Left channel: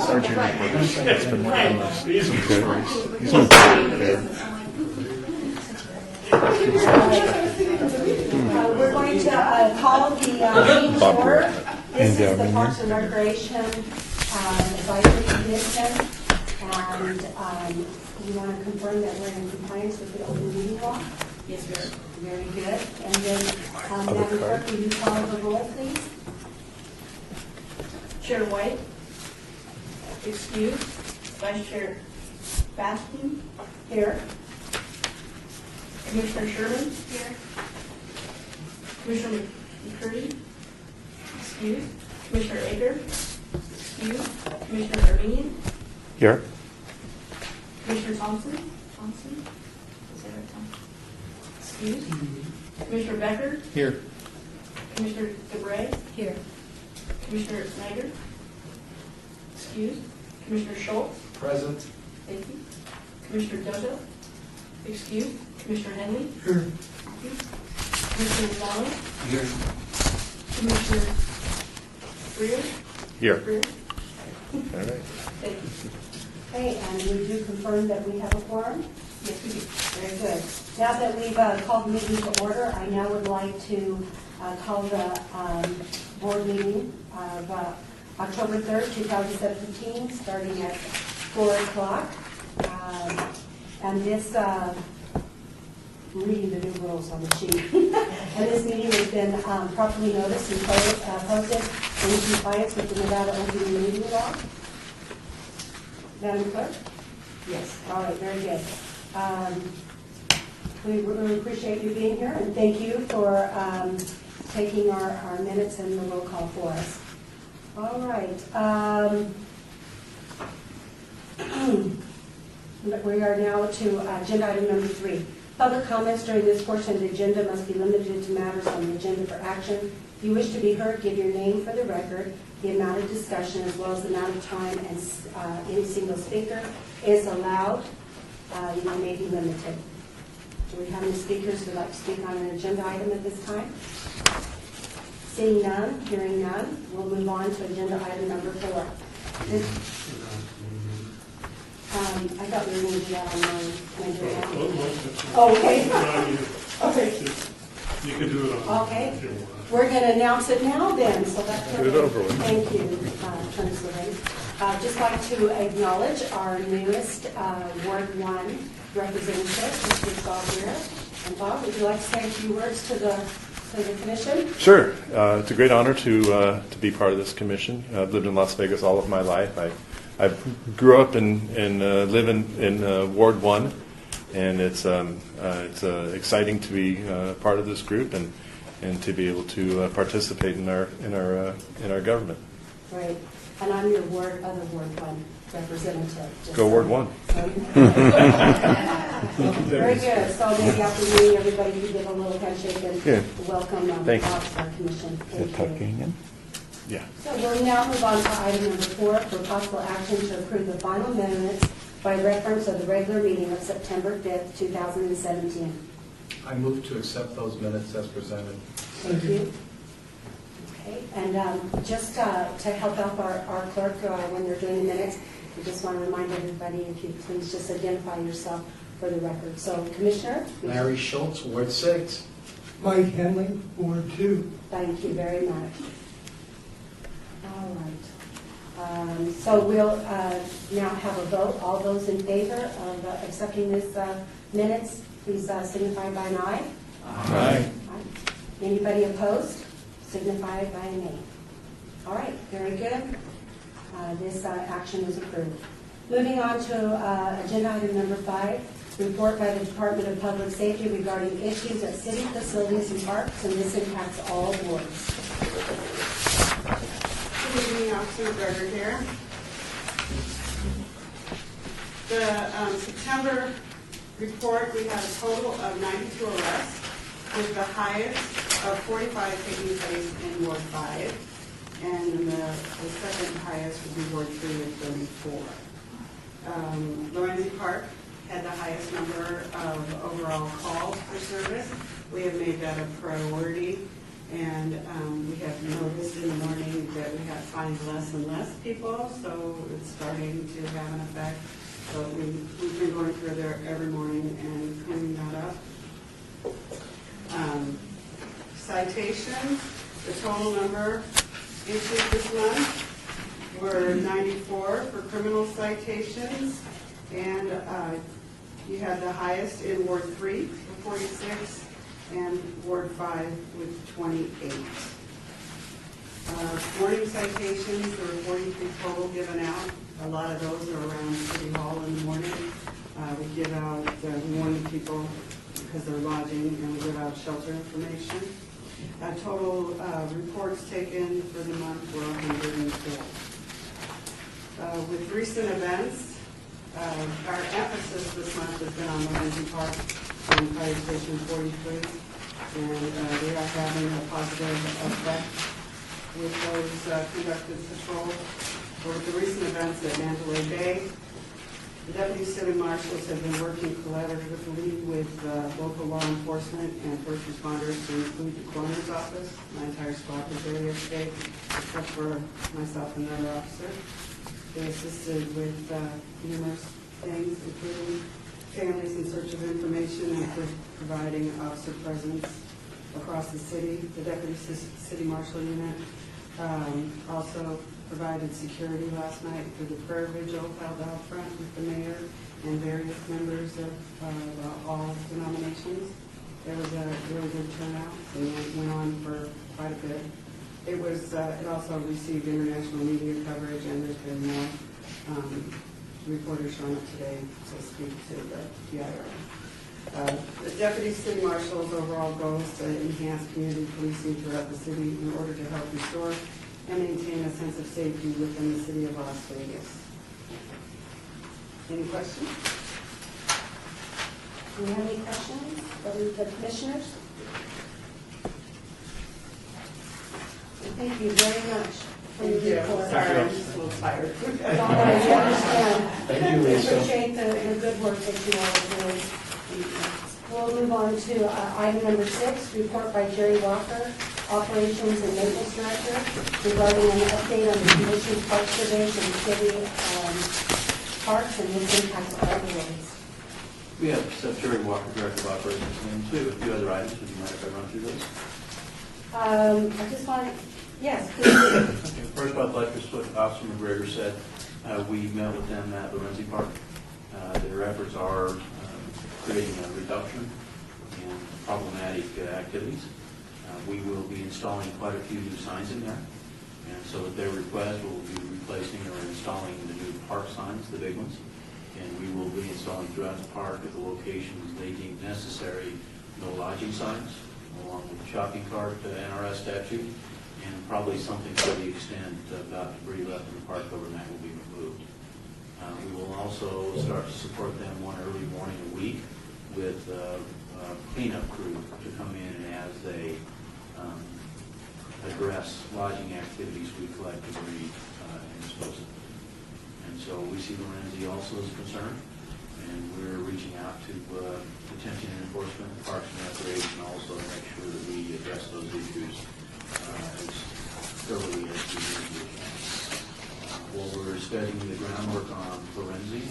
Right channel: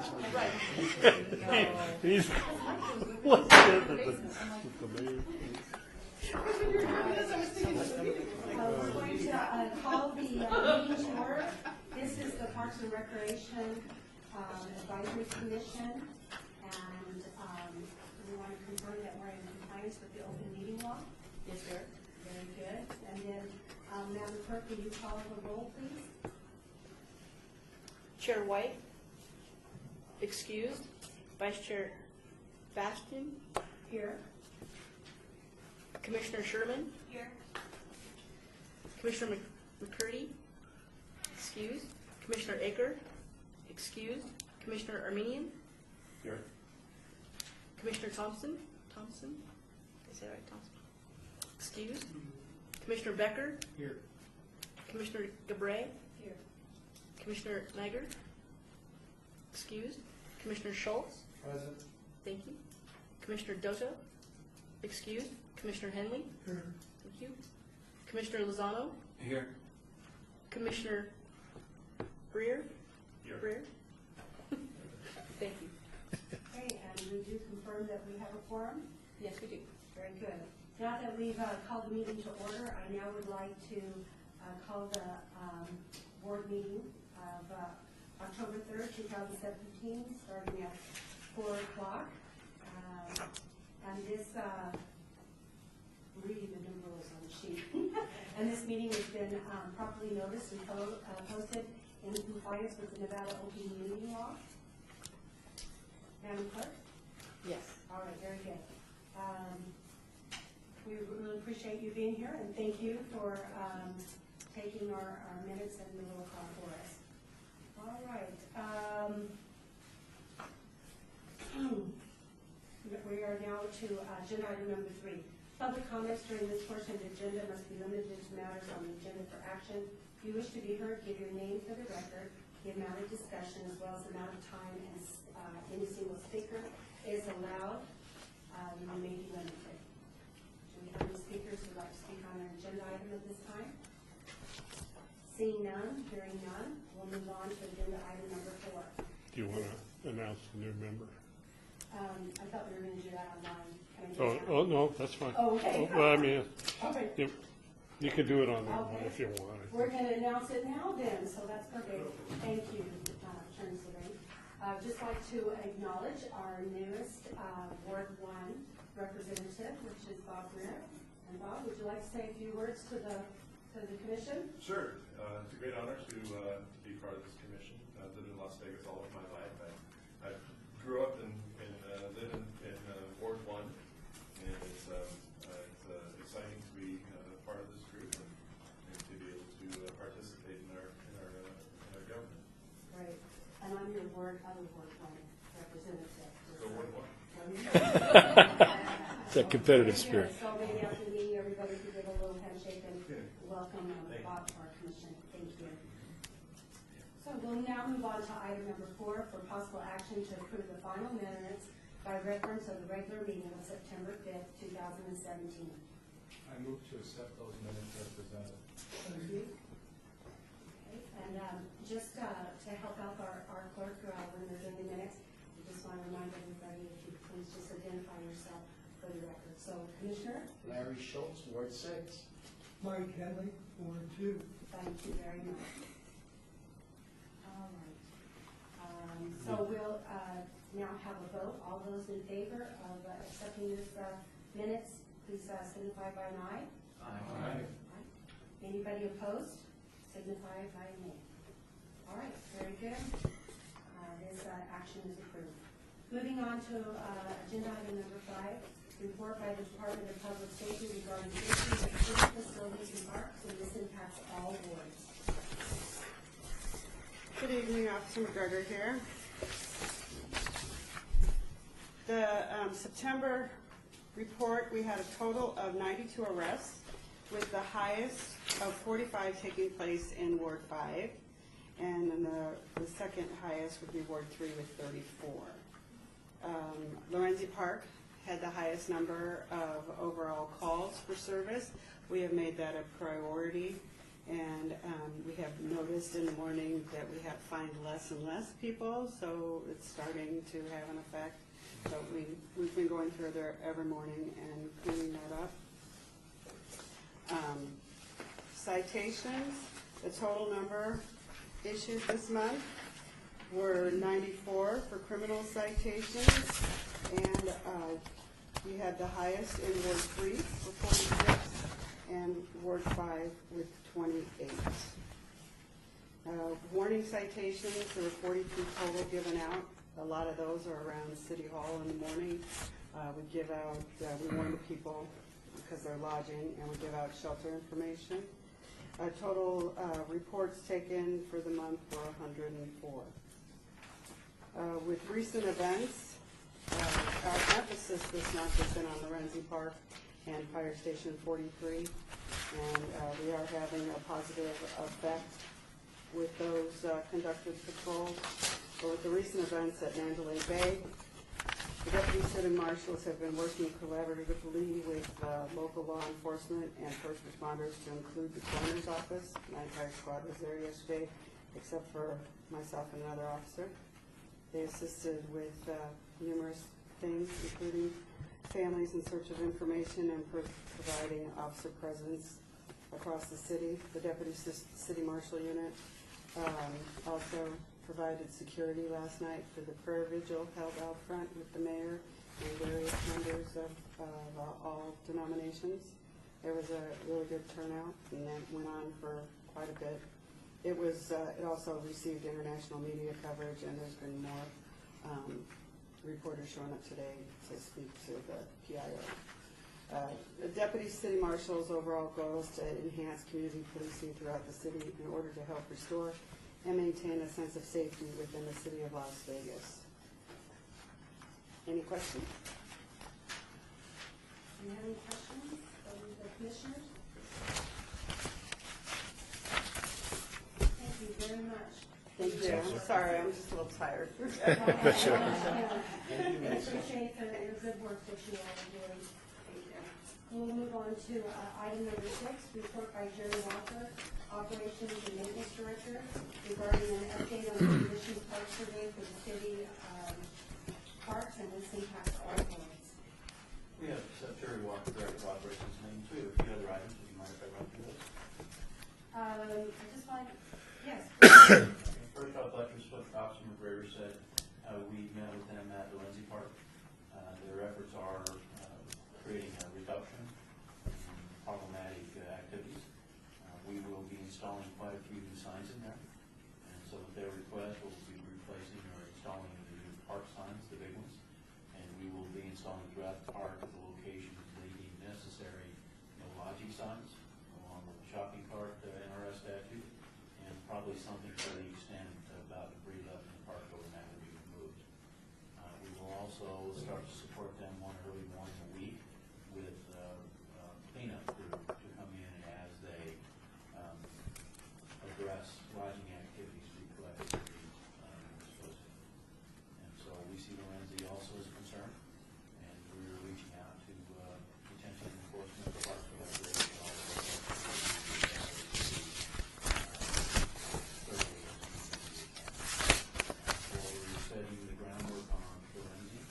Sergeant reports. It's been working on this. Easy. He's on there. We're going to call the meeting to order. This is the Parks and Recreation Advisory Commission, and we want to confirm that we're in compliance with the open meeting law. Yes, sir. Very good. And then, Madam Clerk, will you call the roll, please? Chair White, excused. Vice Chair Baskin, Here. Commissioner Sherman, here. Commissioner McCurdy, excused. Commissioner Ager, excused. Commissioner Armenian, Here. Commissioner Thompson, is that right, Thompson? Excused. Commissioner Becker, Here. Commissioner DeBrey, Here. Commissioner Snyder, excused. Commissioner Schultz, Present. thank you. Commissioner Dojo, excused. Commissioner Henley, Here. thank you. Commissioner McDonald, Here. Commissioner Greer, Here. Greer, All right. thank you. Okay, and we do confirm that we have a quorum? Yes, we do. Very good. Now that we've called the meeting to order, I now would like to call the board meeting of October 3rd, 2017, starting at 4 o'clock. And this, reading the new rules on the sheet. And this meeting has been properly noticed and posted in compliance with the Nevada open meeting law. Madam Clerk? Yes. All right, very good. We really appreciate you being here, and thank you for taking our minutes and the roll call for us. All right. We are now to agenda item number 3. Public comments during this portion of the agenda must be limited to matters on the agenda for action. If you wish to be heard, give your name for the record, the amount of discussion, as well as the amount of time and any single speaker is allowed. You may be limited. Do we have any speakers who would like to speak on an agenda item at this time? Seeing none, hearing none, we'll move on to agenda item number 4. I thought we were going to do that on mine. Oh, okay. Okay. You can do it on. Okay. We're going to announce it now then, so that's Get it over with. Thank you, Attorney Levin. Just like to acknowledge our newest Ward 1 representative, Mr. Bob Greer. And Bob, would you like to say a few words to the commission? Sure. It's a great honor to be part of this commission. I've lived in Las Vegas all of my life. I grew up and live in Ward 1, and it's exciting to be part of this group and to be able to participate in our government. Right. And I'm your other Ward 1 representative. Go Ward 1. Very good. So maybe after meeting everybody, you give a little handshake and welcome Thanks. Bob to our commission. Thank you. Yeah. So we'll now move on to item number 4 for possible action to approve the final minutes by reference of the regular meeting of September 5th, 2017. I move to accept those minutes as presented. Thank you. Okay, and just to help out our clerk when they're doing the minutes, we just want to remind everybody, if you please just identify yourself for the record. So, Commissioner? Larry Schultz, Ward 6. Mike Henley, Ward 2. Thank you very much. All right. So we'll now have a vote. All those in favor of accepting this minutes, please signify by an aye. Aye. Anybody opposed? Signify by a nay. All right, very good. This action is approved. Moving on to agenda item number 5, report by the Department of Public Safety regarding issues at city facilities and parks, and this impacts all wards. Good evening, Officer Berger here. The September report, we had a total of 92 arrests, with the highest of 45 taking place in Ward 5, and the second highest would be Ward 3 with 34. Lorenzi Park had the highest number of overall calls for service. We have made that a priority And we have noticed in the morning that we have find less and less people, so it's starting to have an effect. So we've been going through there every morning and cleaning that up. Citations, the total number issued this month were 94 for criminal citations, and you had the highest in Ward 3 for 46, and Ward 5 with 28. Warning citations, there were 43 total given out. A lot of those are around City Hall in the morning. We give out warning people because they're lodging, and we give out shelter information. Total reports taken for the month were 104. With recent events, our emphasis this month has been on Lorenzi Park and Fire Station 43, and they are having a positive effect with those conducted patrols. For the recent events at Mandalay Bay, the deputy city marshals have been working collaboratively with local law enforcement and first responders to include the coroner's office. My entire squad was there yesterday, except for myself and another officer. They assisted with numerous things, including families in search of information and providing officer presence across the city. The deputy city marshal unit also provided security last night for the prayer vigil held out front with the mayor and various members of all denominations. There was a really good turnout, and it went on for quite a bit. It also received international media coverage, and there's been more reporters showing up today to speak to the PIR. The deputy city marshal's overall goal is to enhance community policing throughout the city in order to help restore and maintain a sense of safety within the city of Las Vegas. Any questions? Do you have any questions from the commissioners? Thank you very much. for your report. Sorry, I'm just a little tired. Don't worry, we understand. Thank you, We Lisa. appreciate the good work that you all are doing. We'll move on to item number 6, report by Jerry Walker, Operations and Maintenance Director, regarding an update on the condition park surveys in city parks and its impact on roadways. We have Jerry Walker, Director of Operations, and we have a few other items. Would you mind if I run through those? I just want, yes, please do. Okay. First, I'd like to what Officer McGregor said. We met with them at Lorenzi Park. Their efforts are creating a reduction in problematic activities. We will be installing quite a few new signs in there. And so at their request, we'll be replacing or installing the new park signs, the big ones. And we will be installing throughout the park at the locations they deem necessary, no lodging signs, along with the shopping cart NRS statute, and probably something to the extent about debris left in the park overnight will be removed. We will also start to support them one early morning a week with a cleanup crew to come in as they address lodging activities. We collect debris and dispose of it. And so we see Lorenzi also as concerned, and we're reaching out to detention and enforcement, parks and recreation also to make sure that we address those issues as thoroughly as we usually can. While we're studying the groundwork on Lorenzi,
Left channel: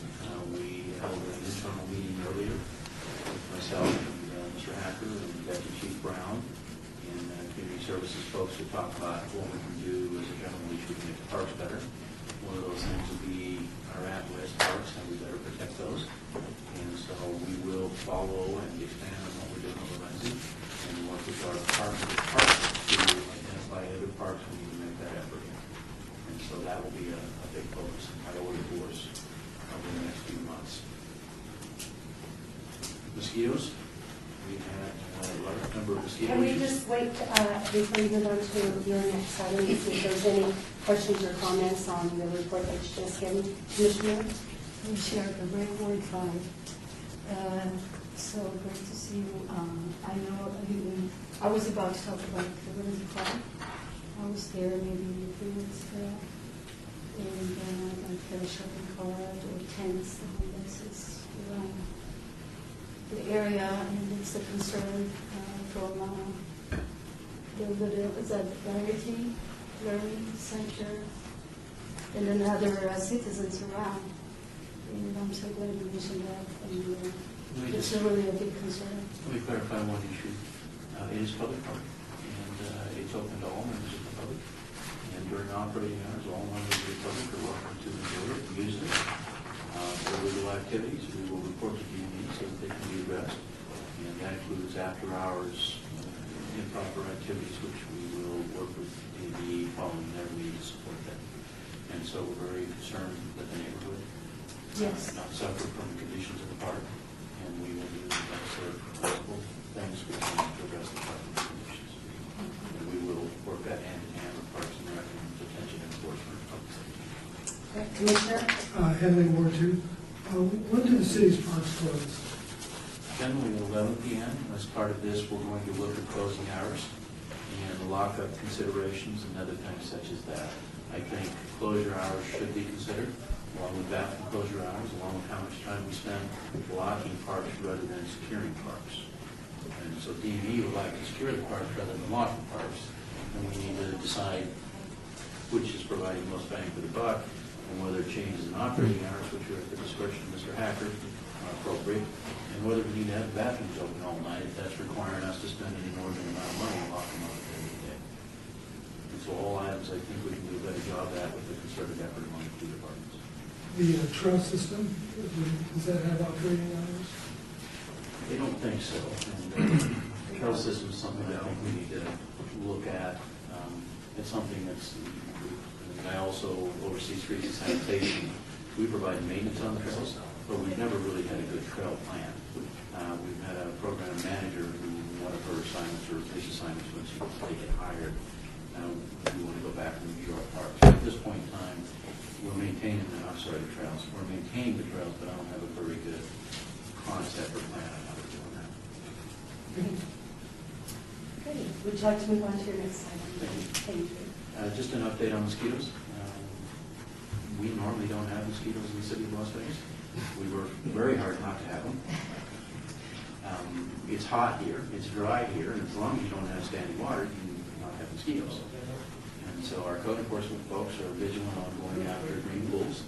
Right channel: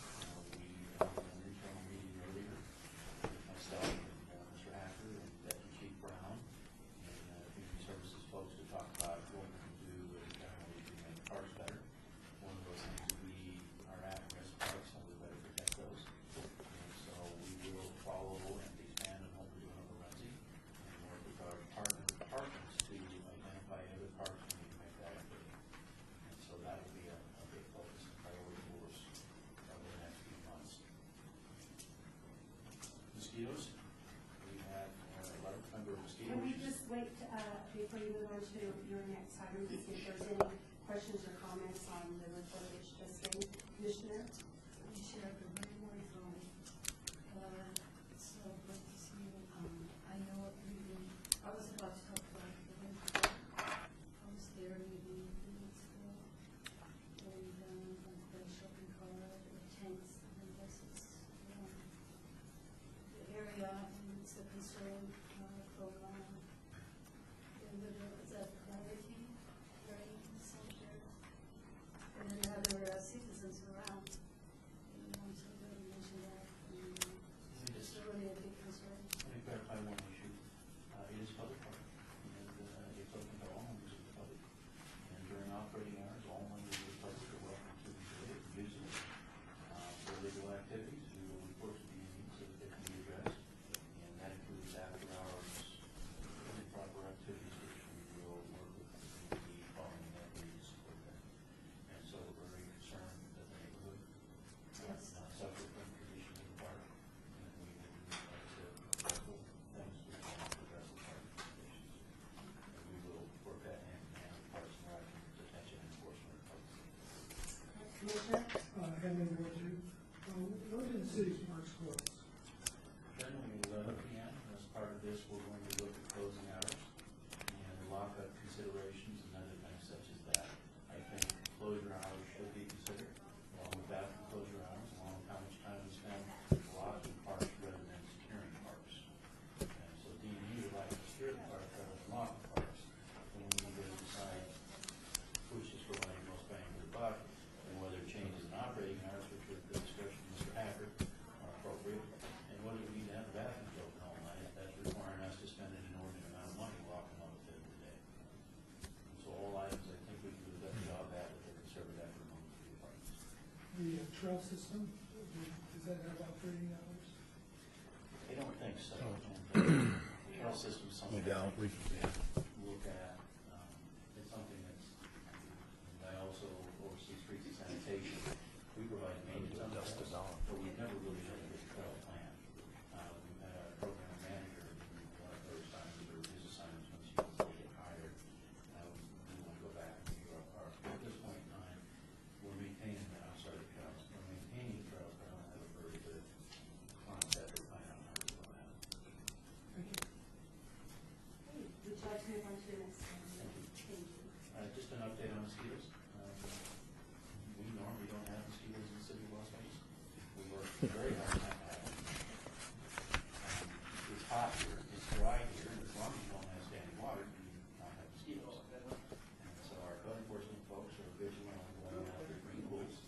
we held an internal meeting earlier with myself and Mr. Hacker and Deputy Chief Brown and community services folks to talk about what we can do as a general issue to make the parks better. One of those things would be our at-risk parks, and we better protect those. And so we will follow and expand on what we're doing with Lorenzi and work with our partners to identify other parks we need to make that effort in. And so that will be a big focus and priority for us over the next few months. Mosquitoes, we've had a large number of mosquito Can we issues. just wait before you move on to your next item, to see if there's any questions or comments on the report that you just given, Commissioner? Commissioner Gabriel, Ward 5. So great to see you. I know I was about to talk about the Lorenzi Park. I was there maybe 3 weeks ago, and I had a shopping cart or tents and places around the area, and it's a concern from is that Verity Learning Center, and then other citizens around. And I'm so glad you mentioned that. And it's really a big concern. Let me clarify one issue. It is public park, and it's open to all members of the public. And during operating hours, all members of the public are welcome to enjoy it and use it. For illegal activities, we will report to DME so that they can be addressed. And that includes after-hours improper activities, which we will work with DME following their lead to support that. And so we're very concerned that the neighborhood Yes. not suffer from the conditions of the park, and we will do the necessary possible things we can to address the parking conditions. And we will work that hand in hand with Parks and Rec and detention enforcement of public safety. Commissioner? Henley, Ward 2. When do the city's parks close? Generally at 11 p.m. As part of this, we're going to look at closing hours and lockup considerations and other things such as that. I think closure hours should be considered, along with bathroom closure hours, along with how much time we spend blocking parks rather than securing parks. And so DME would like to secure the parks rather than locking parks. And we need to decide which is providing most bang for the buck, and whether changes in operating hours, which are at the discretion of Mr. Hacker, are appropriate, and whether we need to have the bathrooms open all night, if that's requiring us to spend an inordinate amount of money and lock them up at the end of the day. And so all items I think we can do a better job at with the concerted effort among the two departments. The trail system, does that have operating hours? I don't think so. And the trail system is something that I think we need to look at. It's something that's, and I also oversee streets and sanitation. We provide maintenance on the trails, but we've never really had a good trail plan. We've had a program manager who, one of her assignments or his assignments was to get hired. We want to go back and review our parks. At this point in time, we're maintaining the trails. We're maintaining the trails, but I don't have a very good concept or plan on how to do that. Okay, would you like to move on to your next item? Thank you. Just an update on mosquitoes. We normally don't have mosquitoes in the city of Las Vegas. We work very hard not to have them. It's hot here, it's dry here, and as long as you don't have standing water, you can not have mosquitoes. And so our code enforcement folks are vigilant on going after green pools,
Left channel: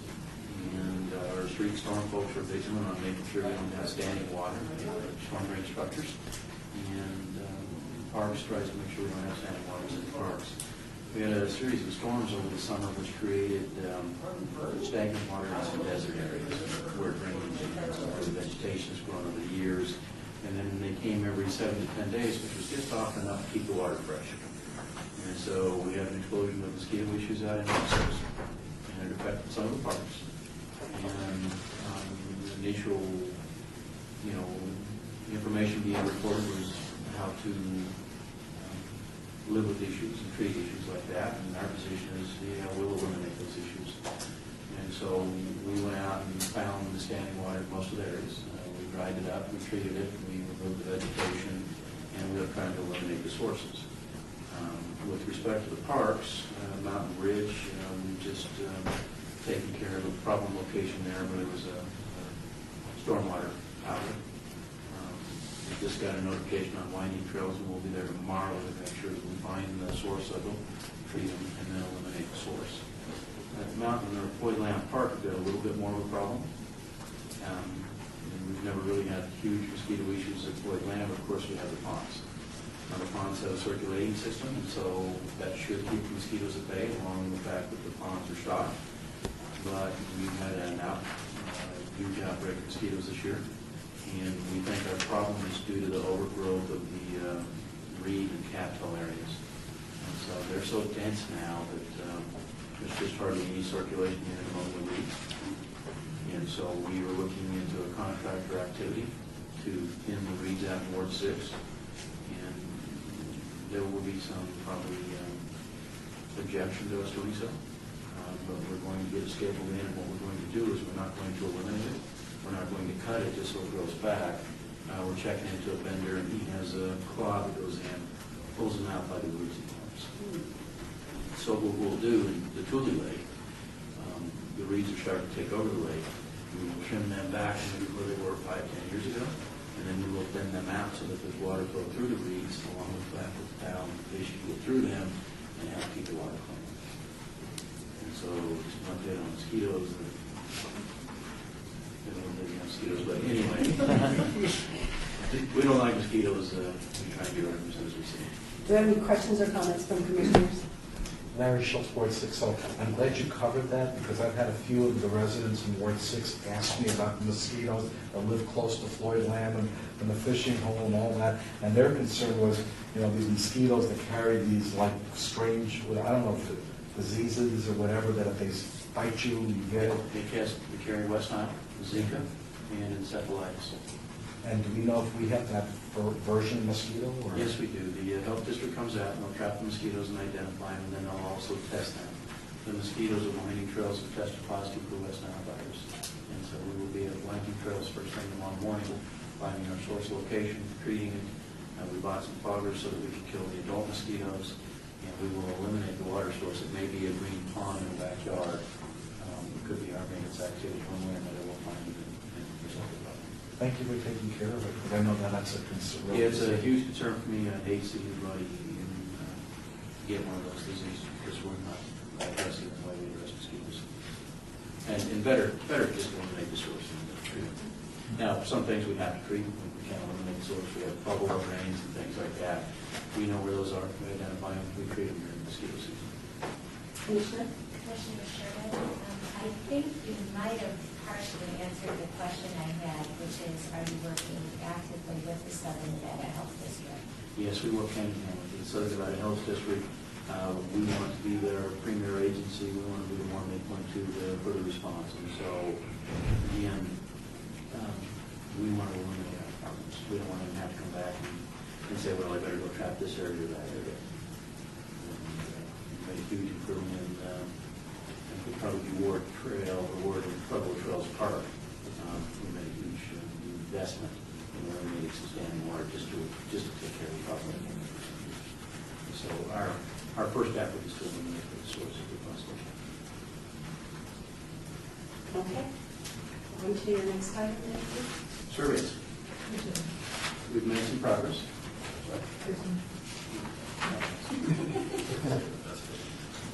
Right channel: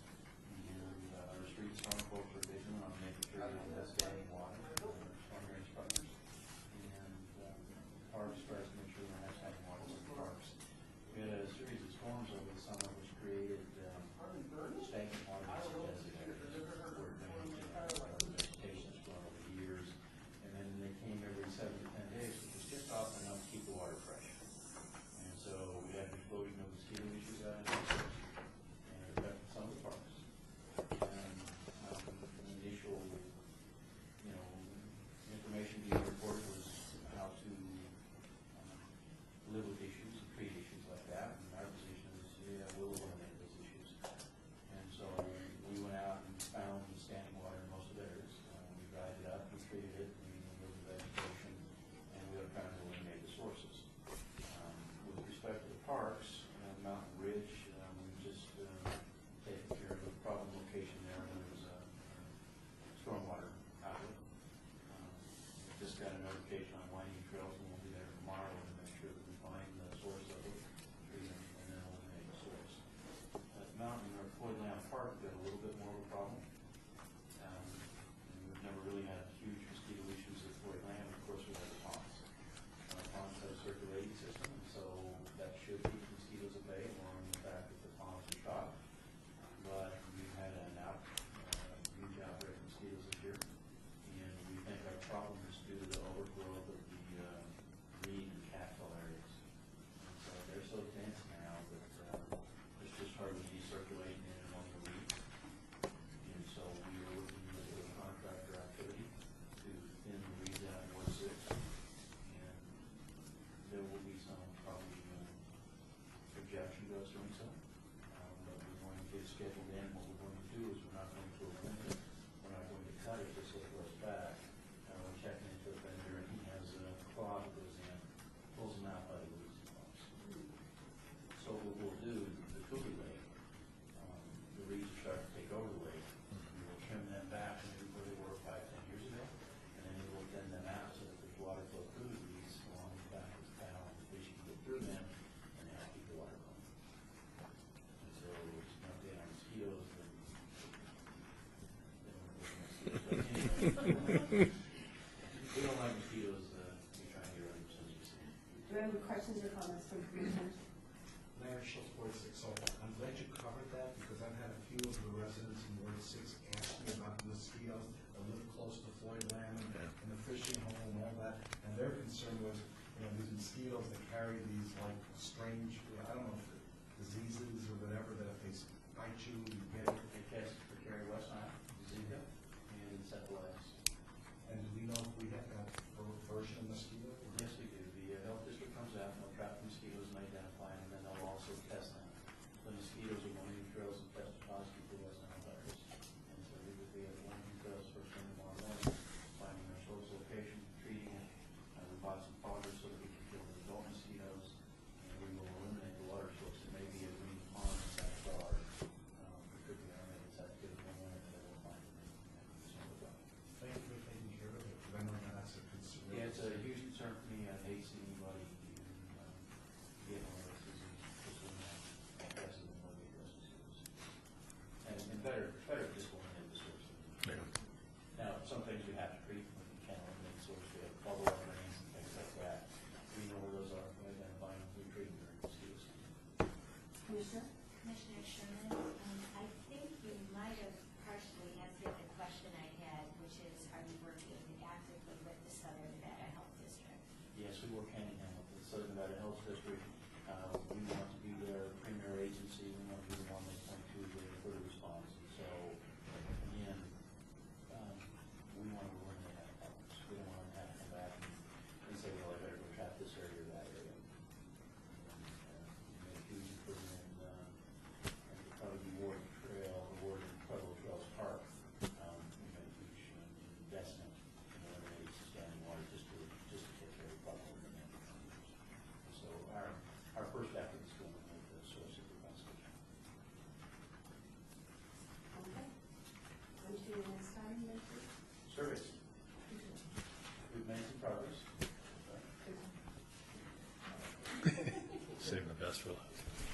and our street storm folks are vigilant on making sure we don't have standing water in storm drain structures. And Parks tries to make sure we don't have standing waters in the parks. We had a series of storms over the summer which created stagnant water in some desert areas where drainage and some of the vegetation has grown over the years. And then they came every 7 to 10 days, which was just often enough to keep the water fresh. And so we had an explosion of mosquito issues out in Texas, and it affected some of the parks. And the initial, information being reported was how to live with issues and treat issues like that. And our position is, we'll eliminate those issues. And so we went out and found the standing water in most of the areas. We dried it up, we treated it, we removed the vegetation, and we were trying to eliminate the sources. With respect to the parks, Mountain Ridge, we just taken care of a problem location there where there was a stormwater outlet. We just got a notification on winding trails, and we'll be there tomorrow to make sure that we find the source of them, treat them, and then eliminate the source. At Mountain or Floyd Lamb Park, we've got a little bit more of a problem. And we've never really had huge mosquito issues at Floyd Lamb. Of course, we have the ponds. Now, the ponds have a circulating system, and so that should keep the mosquitoes at bay, along with the fact that the ponds are stocked. But we've had a huge outbreak of mosquitoes this year, and we think our problem is due to the overgrowth of the reed and cattail areas. And so they're so dense now that there's just hardly any circulation in among the reeds. And so we were looking into a contractor activity to thin the reeds out in Ward 6. And there will be some probably objection to us doing so. But we're going to get a schedule in, and what we're going to do is we're not going to eliminate it. We're not going to cut it just so it grows back. We're checking into a vendor, and he has a claw that goes in, pulls them out by the roots and arms. So what we'll do in the Tule Lake, the reeds are starting to take over the lake. We will trim them back maybe where they were 5, 10 years ago, and then we will thin them out so that there's water flow through the reeds along with the down, fish can get through them and help keep the water clean. And so, just not dead on mosquitoes, but anyway, we don't like mosquitoes, we try and get rid of them as soon as we see them. Do you have any questions or comments from commissioners? Larry Schultz, Ward 6. So I'm glad you covered that because I've had a few of the residents in Ward 6 ask me about the mosquitoes that live close to Floyd Land and the fishing hole and all that. And their concern was, you know, these mosquitoes that carry these like strange, I don't know if it diseases or whatever, that if they bite you, you get it. They carry West Nile, Zika, and encephalitis. And do we know if we have that version mosquito? Or? Yes, we do. The health district comes out and they'll trap the mosquitoes and identify them, and then they'll also test them. The mosquitoes at Winding Trails have tested positive for West Nile virus. And so we will be at Winding Trails first thing tomorrow morning, finding our source location, treating it. We bought some foggers so that we can kill the adult mosquitoes, and we will eliminate the water source. It may be a green pond in the backyard. It could be our maintenance activity one way or another. We'll find it and resolve the problem. Thank you for taking care of it, because I know that that's a concern. Yeah, it's a huge concern for me. I hate seeing anybody get one of those diseases because we're not addressing the way we address mosquitoes. And better just eliminate the source and treat it. Now, some things we have to treat. We can't eliminate the source. We have bubble up rains and things like that. We know where those are. We identify them. We treat them during mosquito season. Commissioner? Commissioner Sherman, I think you might have partially answered the question I had, which is, are you working actively with the Southern Nevada Health District? Yes, we work hand in hand with the Southern Nevada Health District. We want to be their premier agency. We want to be the one they point to for the response. And so, again, we want to eliminate our problems. We don't want them to have to come back and say, well, I better go trap this area or that area. We made a huge improvement in, I think probably Ward Trail or Ward Pueblo Trails Park. We made a huge investment in eliminating some standing water just to take care of the problem. So our first effort is to eliminate the source of the possible. Okay. On to your next item, Nancy. Surveys. We've made some progress.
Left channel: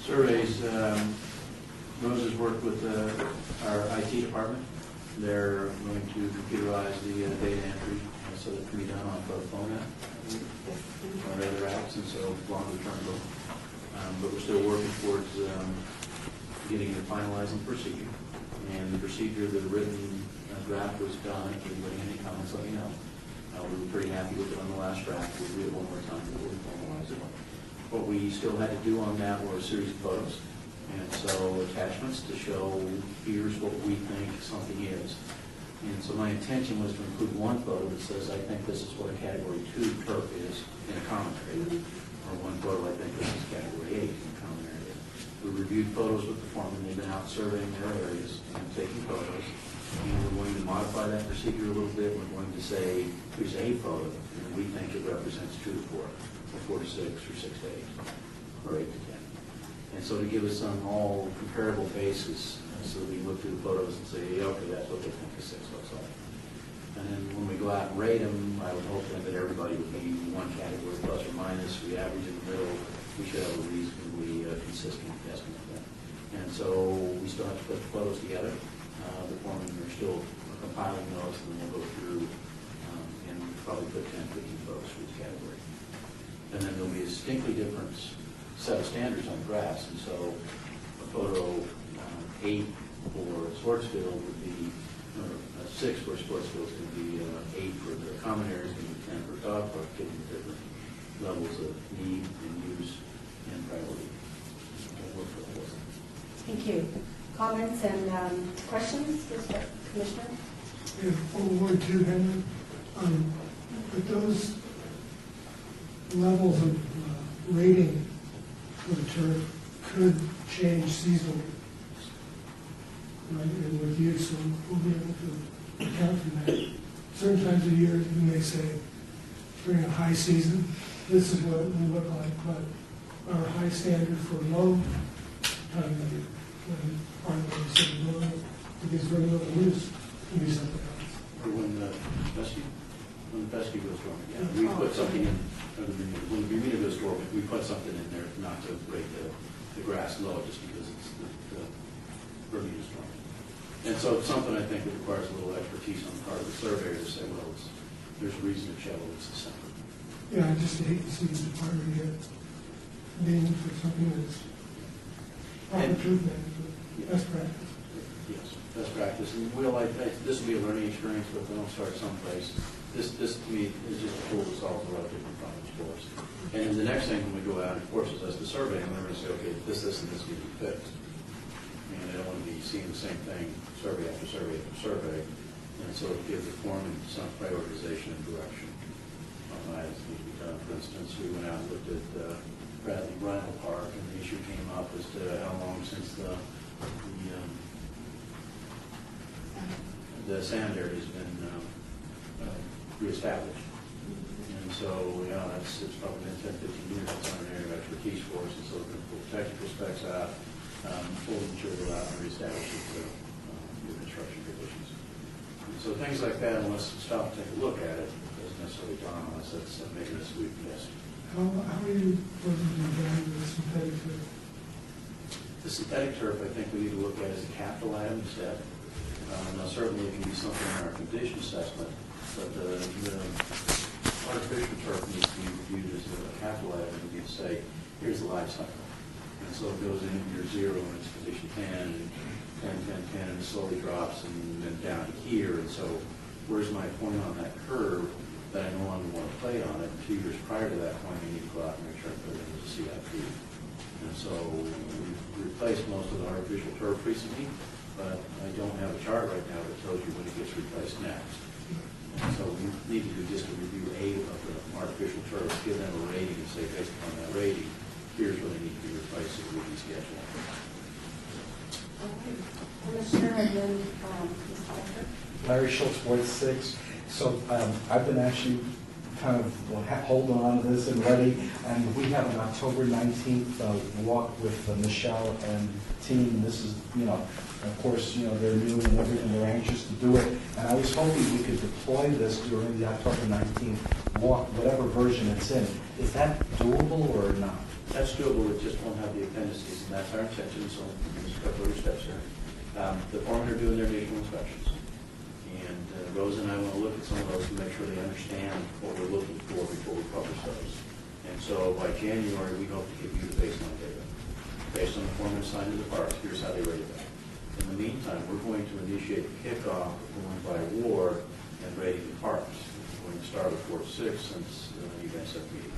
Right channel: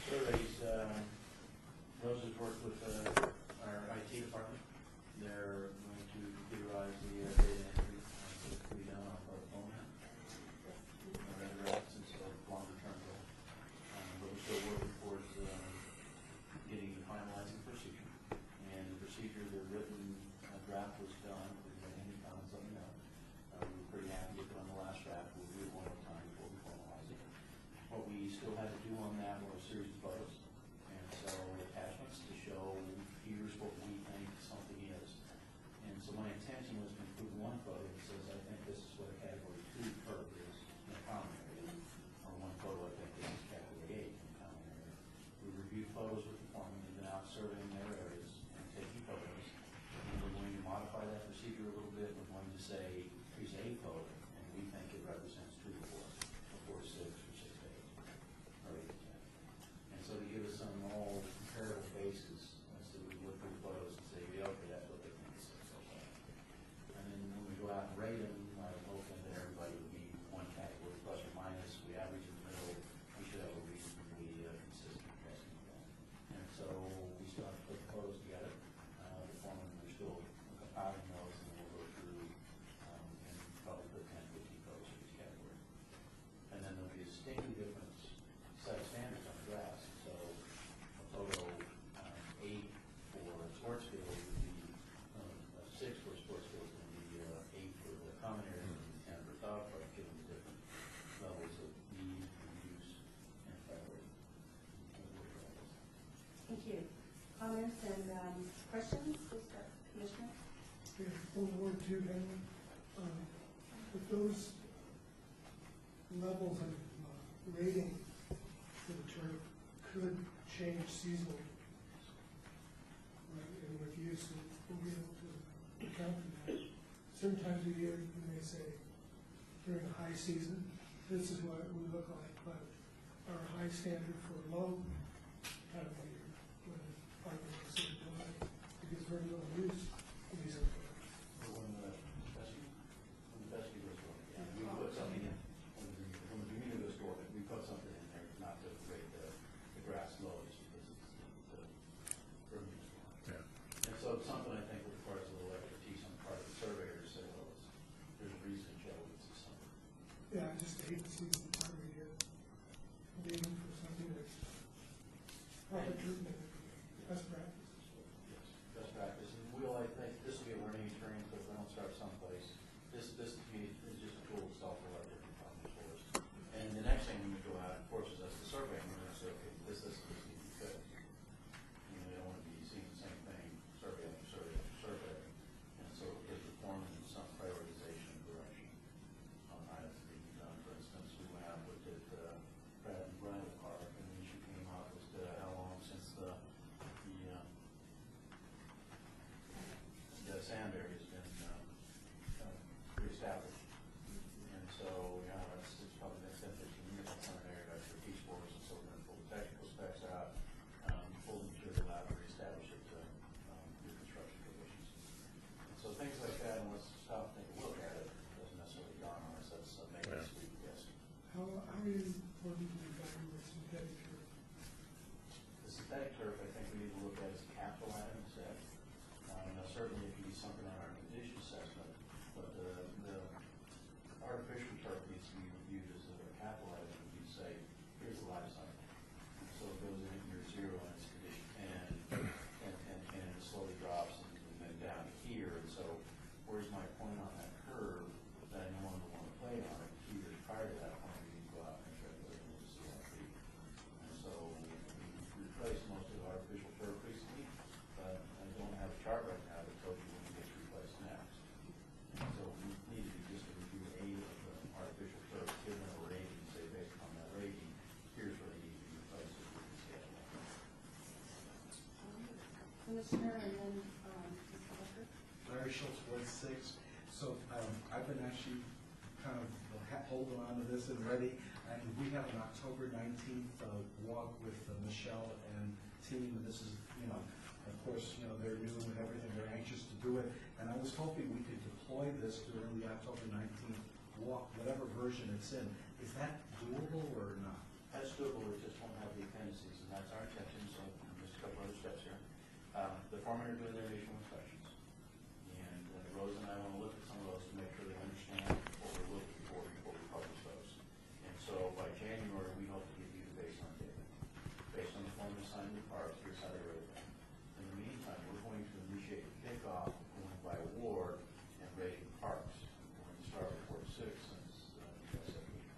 Surveys, Rose has worked with our IT department. They're going to computerize the data entry so that it can be done on phone or other apps, and so longer term goal. But we're still working towards getting and finalizing the procedure. And the procedure, the written draft was done. If anybody had any comments, let me know. We were pretty happy with it on the last draft. We'll do it one more time before we formalize it. What we still had to do on that were a series of photos. And so attachments to show, here's what we think something is. And so my intention was to include one photo that says, I think this is what a category 2 turf is in a common area. Or one photo, I think this is category 8 in a common area. We reviewed photos with the foreman. They've been out surveying their areas and taking photos. And we're going to modify that procedure a little bit. We're going to say, here's a photo, and we think it represents 2 to 4, or 4 to 6, or 6 to 8, or 8 to 10. And so to give us some all comparable basis, so we look through the photos and say, yeah, okay, that's what they think a 6 looks like. And then when we go out and rate them, I would hope then that everybody would be one category, plus or minus. We average in the middle. We should have a reasonably consistent estimate then. And so we still have to put the photos together. The foreman are still compiling those, and then we'll go through and probably put 10, 15 photos for each category. And then there'll be a distinctly different set of standards on grass. And so a photo 8 for Sportsfield would be, or a 6 for Sportsfield is going to be 8 for the common areas, going to be 10 for dog park, given different levels of need and use and priority. Thank you. Comments and questions, Commissioner? If on Ward 2, Henry, but those levels of rating for the turf could change seasonally, right? And with you, so we'll be able to account for that. Certain times of year, you may say, during a high season, this is what it will look like, but our high standard for low time of year, when part of the city, because very little use, can be something else. Or when rescue? put something in, when we meet a store, we put something in there not to break the grass low, just because it's the Bermuda storm. And so it's something I think that requires a little expertise on the part of the surveyor to say, well, there's a reason to shovel this December. Yeah, I just hate to see the department get named for something that's proper And- truth management, best practice. Yes, best practice, and this will be a learning experience, but if we don't start someplace, this to me is just a tool that solves a lot of different problems for us. And then the next thing when we go out, it forces us to survey, and we're going to say, okay, this, and this need to be fixed. And I don't want to be seeing the same thing survey after survey after survey, and so it gives the foreman some prioritization and direction on items that need to be done. For instance, we went out and looked at Bradley Bridle Park, and the issue came up as to how long since the sand area has been reestablished. And so, it's probably been 10, 15 years it's on an area of expertise for us, and so we're going to pull technical specs out, pull the material out, and reestablish it to new construction conditions. And so things like that, unless we stop and take a look at it, doesn't necessarily dawn on us. That's making us sweep guess. How are you going to value the synthetic turf? The synthetic turf, I think we need to look at as a capital item instead. Now, certainly it can be something in our condition assessment, but the artificial turf needs to be reviewed as a capital item. And you say, here's the life cycle. And so it goes in year 0 and it's condition 10, 10, and it slowly drops and then down to here. And so where's my point on that curve that I no longer want to play on it? 2 years prior to that point, I need to go out and make sure I put it into CIP. And so we've replaced most of the artificial turf recently, but I don't have a chart right now that tells you when it gets replaced next. And so we need to do just a review of the artificial turf, give them a rating and say, based upon that rating, here's what they need to be replaced so we can schedule. Commissioner, and then Ms. Parker. Larry Schultz, Ward 6. So I've been actually kind of holding on to this and ready, and we have an October 19th walk with Michelle and team. This is, of course, they're new and everything, they're anxious to do it. And I was hoping we could deploy this during the October 19th walk, whatever version it's in. Is that doable or not? That's doable, it just won't have the appendices, and that's our intention, so there's a couple other steps here. The foremen are doing their visual inspections, and Rose and I want to look at some of those to make sure they understand what we're looking for before we publish those. And so by January, we hope to give you the baseline data. Based on the foreman assigned to the parks, here's how they rated that. In the meantime, we're going to initiate the kickoff of going by ward and rating the parks. We're going to start with Ward 6 since you guys have meeting.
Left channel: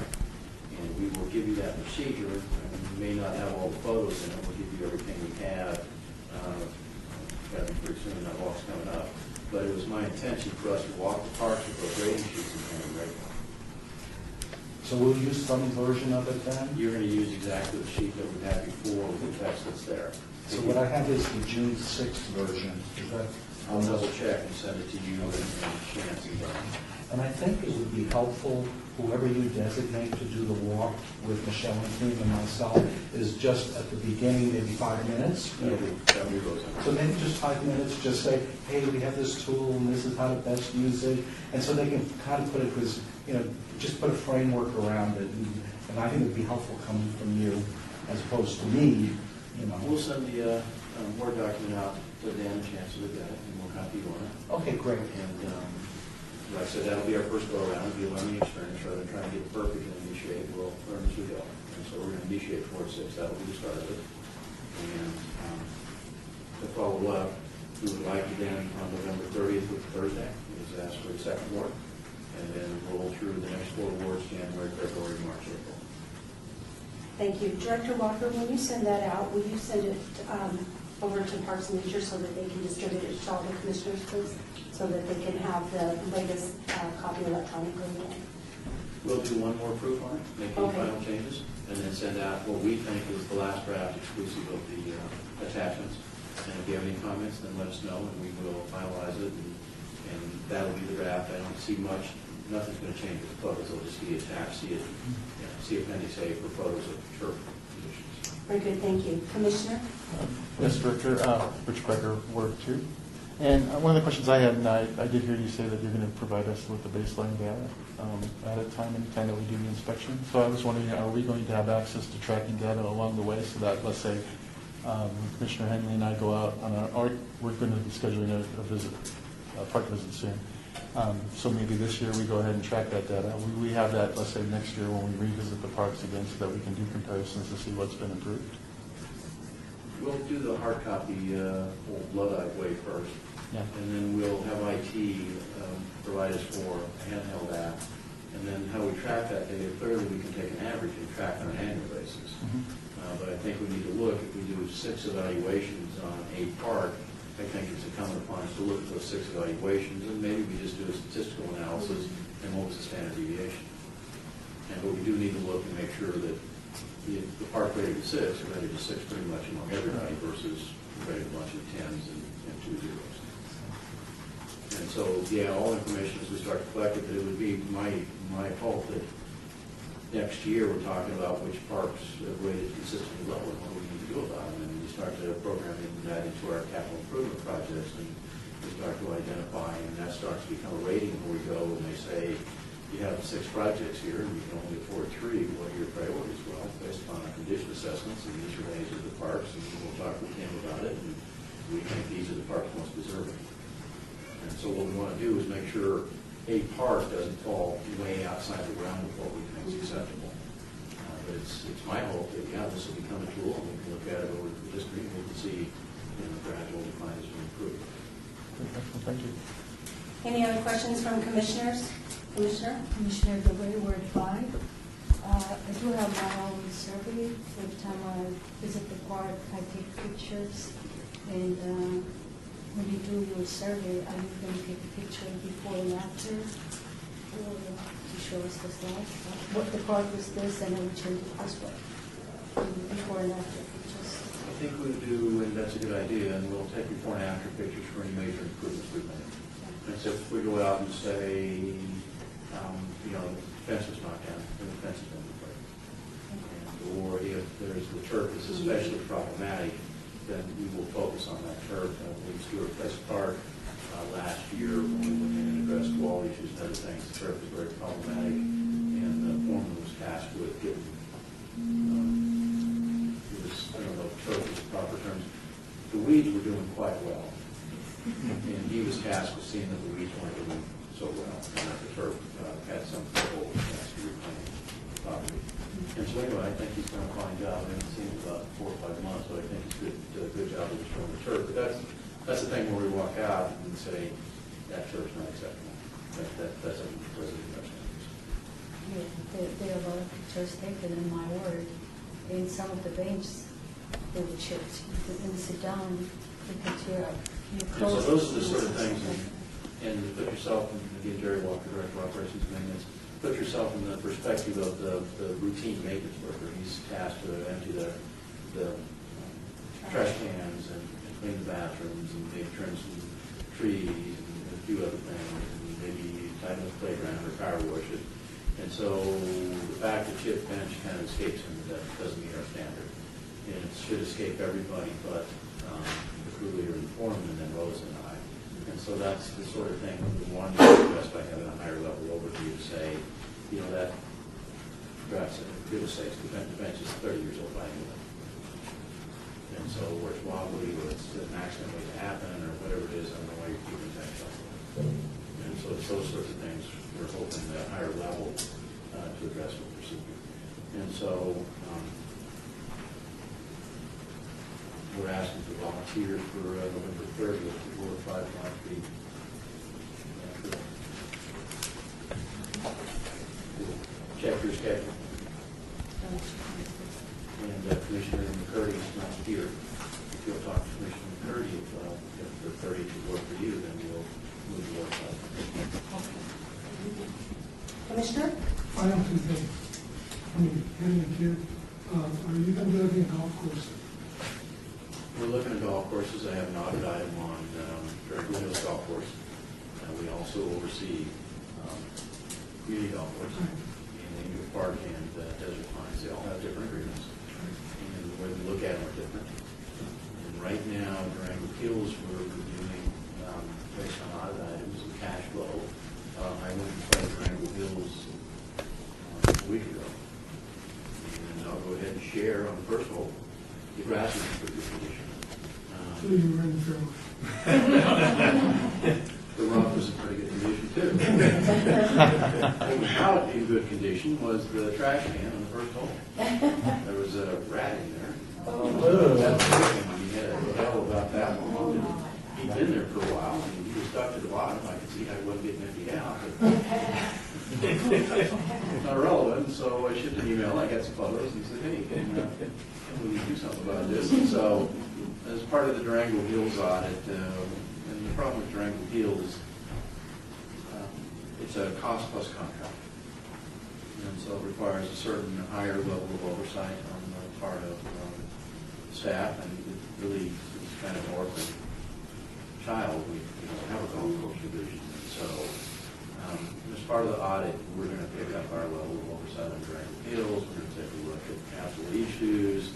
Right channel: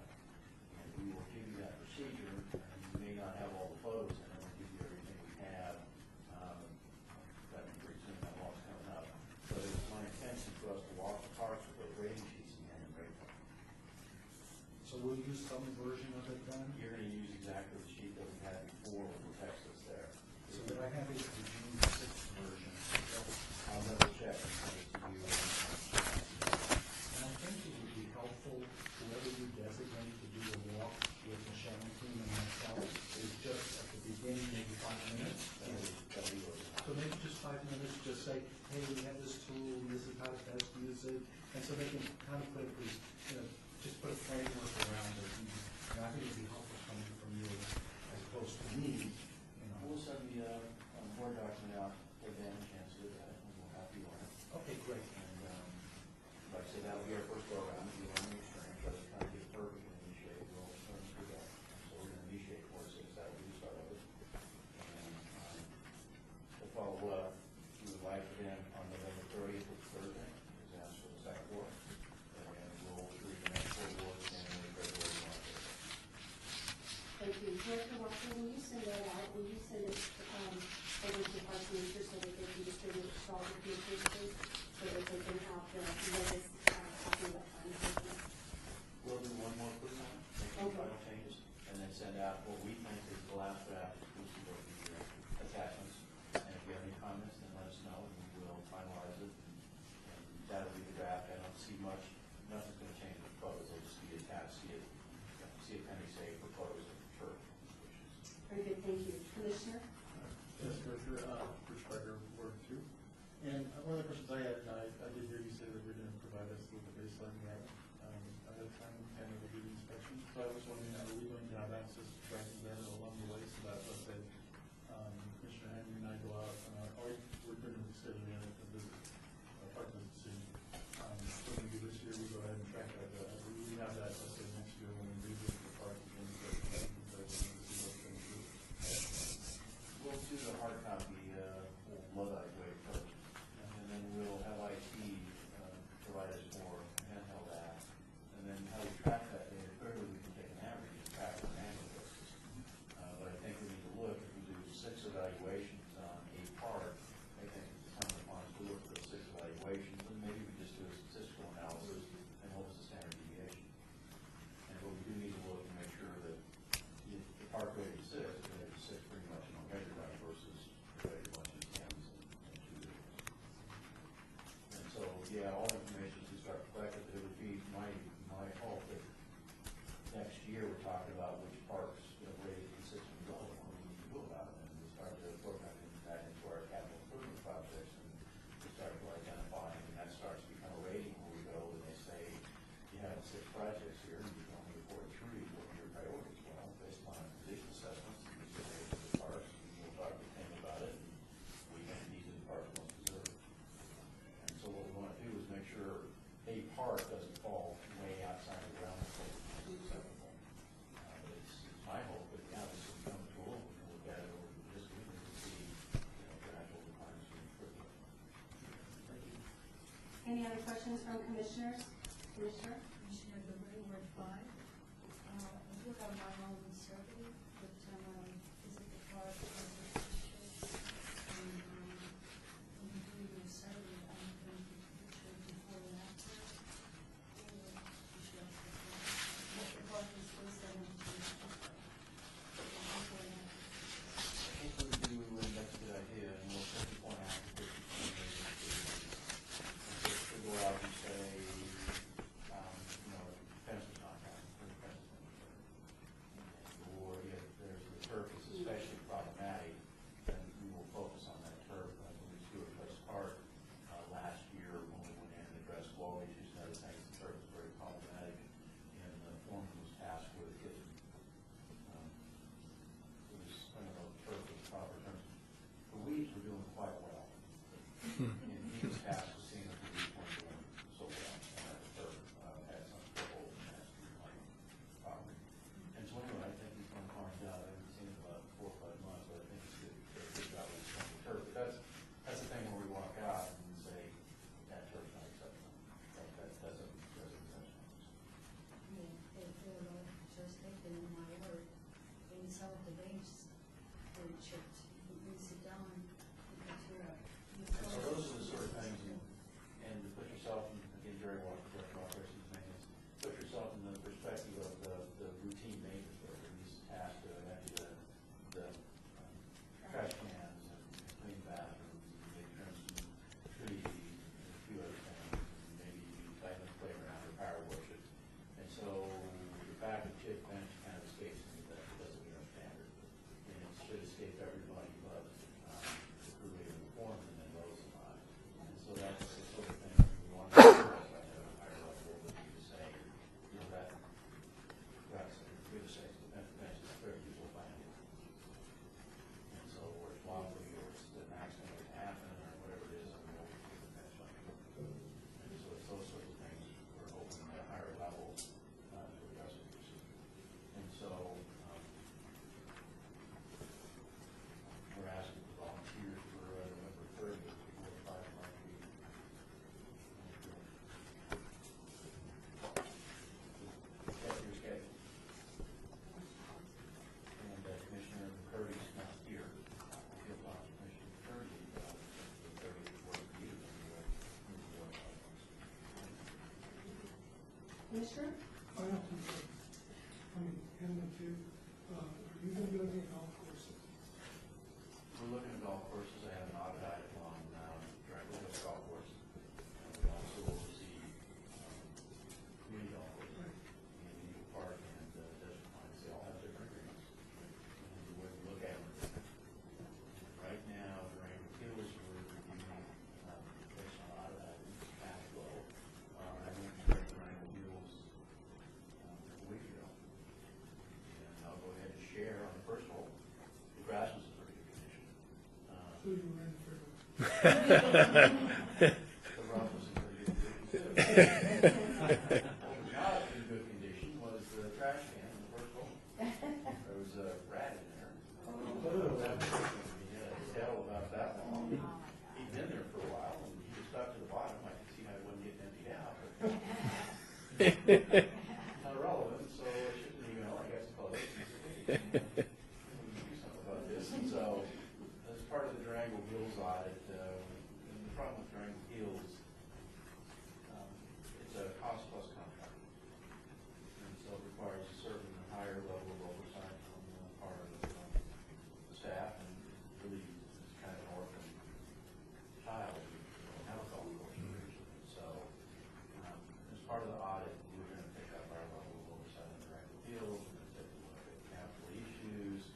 And we will give you that procedure. We may not have all the photos in it. We'll give you everything we have. Pretty soon, that walk's coming up. But it was my intention for us to walk the parks with those rating sheets and kind of rate them. So we'll use some version of it then? You're going to use exactly the sheet that we had before with the text that's there. So what I have is the June 6th version. Is that, I'll double check and send it to you and Chance and Don. and I think it would be helpful, whoever you designate to do the walk with Michelle and team and myself, is just at the beginning, maybe 5 minutes. That'll be Rose. So maybe just 5 minutes, just say, hey, we have this tool and this is how to best use it. And so they can kind of put it, because, just put a framework around it. And I think it'd be helpful coming from you as opposed to me, We'll send the Word document out to Dan and Chance to look at it, and we'll copy you on it. Okay, great. And like I said, that'll be our first go around. It'll be a learning experience rather than trying to get it perfect and initiate. We'll learn as we go. And so we're going to initiate 4 to 6. That'll be the start of it. And to follow up, we would like to then on November 30th, which is Thursday, is ask for the second ward, and then roll through the next 4 wards, January, February, March, April. Thank you. Director Walker, when you send that out, will you send it over to Parks and Nature so that they can distribute it to all the commissioners, please? So that they can have the latest copy electronically? We'll do one more proof on it, make any Okay. final changes, and then send out what we think is the last draft exclusive of the attachments. And if you have any comments, then let us know, and we will finalize it, and that'll be the draft. I don't see much, nothing's going to change with the photos. It'll just be attached, see Appendix A for photos of turf conditions. Very good, thank you. Commissioner? Yes, Director, Rich Becker, Ward 2. And one of the questions I had, and I did hear you say that you're going to provide us with the baseline data. at a time, anytime that we do the inspection. So I was wondering, are we going to have access to tracking data along the way so that, let's say, Commissioner Henley and I go out on our, or we're going to be scheduling a visit, a park visit soon. So maybe this year we go ahead and track that data. We have that, let's say, next year when we revisit the parks again so that we can do comparisons to see what's been improved. We'll do the hard copy, old Luddite way first. Yeah. And then we'll have IT provide us for a handheld app. And then how we track that data, clearly we can take an average and track on an annual basis. But I think we need to look, if we do 6 evaluations on a park, I think it's incumbent upon us to look at those 6 evaluations, and maybe we just do a statistical analysis and what was the standard deviation. But we do need to look and make sure that the park rated 6 are rated 6 pretty much among everybody versus rated a bunch of 10s and 2 zeros. And so, yeah, all information as we start to collect it, but it would be my hope that next year we're talking about which parks are rated consistently low and what we need to do about them. And we start to program that into our capital improvement projects, and we start to identify, and that starts to become a rating where we go and they say, you have 6 projects here, and you can only afford 3. What are your priorities? Well, based upon our condition assessments, and these are ways of the parks, and we'll talk with Tim about it, and we think these are the parks most deserving. And so what we want to do is make sure a park doesn't fall way outside the realm of what we think is acceptable. But it's my hope that, yeah, this will become a tool, and we can look at it over the history, and we can see, gradual decline as we improve. Thank you. Any other questions from commissioners? Commissioner? Commissioner Dewey, Ward 5. I do have my own survey. Every time I visit the park, I take pictures. And when you do your survey, are you going to take a picture before and after? Or to show us the slides? What the park was this and then we change it this way? Before and after pictures. I think we do, and that's a good idea, and we'll take before and after pictures for any major improvement. And so if we go out and say, the fence was knocked down, and the fence has been replaced. Or if there's the turf is especially problematic, then we will focus on that turf. I believe Stewart Place Park last year, when we went in and addressed wall issues and other things, the turf was very problematic, and the foreman was tasked with getting, I don't know if turf is the proper terms, the weeds were doing quite well. And he was tasked with seeing that the weeds weren't doing so well, and that the turf had some trouble with that to reclaim the property. And so anyway, I think he's done a fine job. I haven't seen him about 4 or 5 months, but I think he's did a good job of restoring the turf. But that's the thing where we walk out and say, that turf's not acceptable. That's a resident standards. Yeah, there are a lot of pictures taken in my ward. In some of the benches, they were chipped. You can sit down, you can tear up. And so those are the sort of things, and put yourself, and again, Jerry Walker, Director of Operations and Maintenance, put yourself in the perspective of the routine maintenance worker. He's tasked to empty the trash cans and clean the bathrooms and maybe trim some trees and a few other things, and maybe tighten the playground or power wash it. And so the fact that chip bench kind of escapes him, that doesn't meet our standard. And it should escape everybody but the crew leader and foreman, and then Rose and I. And so that's the sort of thing we want to address by having a higher level overview to say, that perhaps, for goodness sakes, the bench is 30 years old by anyway. And so where it's wobbly, or it's an accident waiting to happen, or whatever it is, I don't know why you're keeping the bench up. And so it's those sorts of things we're hoping at a higher level to address with procedure. And so we're asking for volunteers for November 30th to 4 or 5 Line Street. Check your schedule. And Commissioner McCurdy is not here. If you'll talk to Commissioner McCurdy, if the 30th would work for you, then we'll move the work up. Commissioner? I have 2 things. Henry, too, are you going to be looking at golf courses? We're looking at golf courses. I have an audit item on Dragon Hills Golf Course. We also oversee community golf courses. Park and Desert Pines, they all have different agreements, and the way we look at them are different. And right now, Durango Hills, we're reviewing based on audit items and cash flow. I went and played Durango Hills road. The rock was in pretty good condition too. What was not in good condition was the trash can on the first hole. There was a rat in there. That's the thing, we had a hell about that one. He'd been there for a while, and he was stuck to the bottom. I could see how he wasn't getting empty out. It's not relevant, so I shipped an email. I got some photos, and he said, "Hey, can we do something about this?" And so, as part of the Durango Hills audit, and the problem with Durango Hills, it's a cost-plus contract. And so it requires a certain higher level of oversight on the part of staff, and it really is kind of an orphan child. We don't have a golf course division. So, as part of the audit, we're going to pick up our level of oversight on Durango Hills. We're going to take a look at capital issues.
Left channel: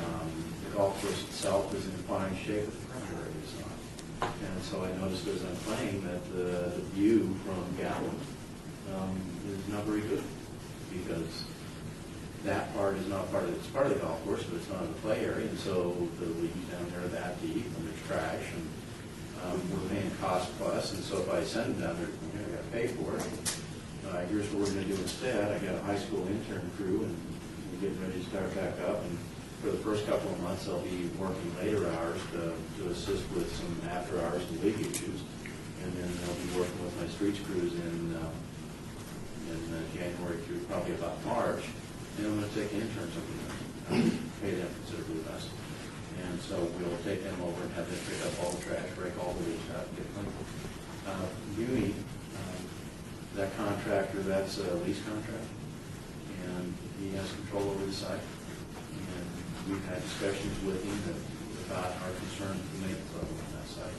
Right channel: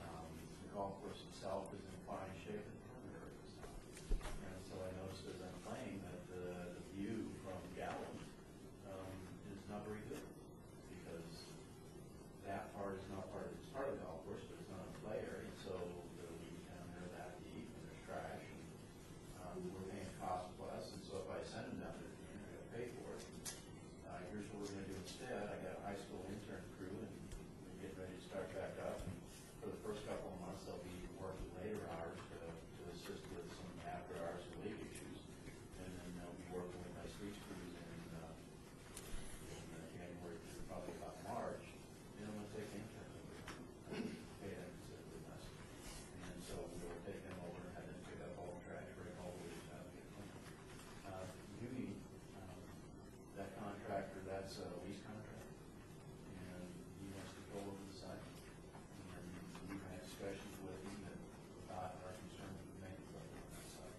The golf course itself is in fine shape, but the perimeter area is not. And so I noticed as I'm playing that the view from Gallup is not very good, because that part is not part of, it's part of the golf course, but it's not in the play area, and so the leagues down there are that deep, and there's trash, and we're paying cost plus, and so if I send them down there, I got to pay for it. Here's what we're going to do instead. I got a high school intern crew, and we're getting ready to start back up, and for the first couple of months, I'll be working later hours to assist with some after hours and league issues, and then I'll be working with my streets crews in January through probably about March, and I'm going to take interns over there, pay them considerably less, and so we'll take them over and have them pick up all the trash, break all the leaves out, and get them. Muni, that contractor, that's a lease contract, and he has control over the site. And we've had discussions with him about our concern with the maintenance level on that site.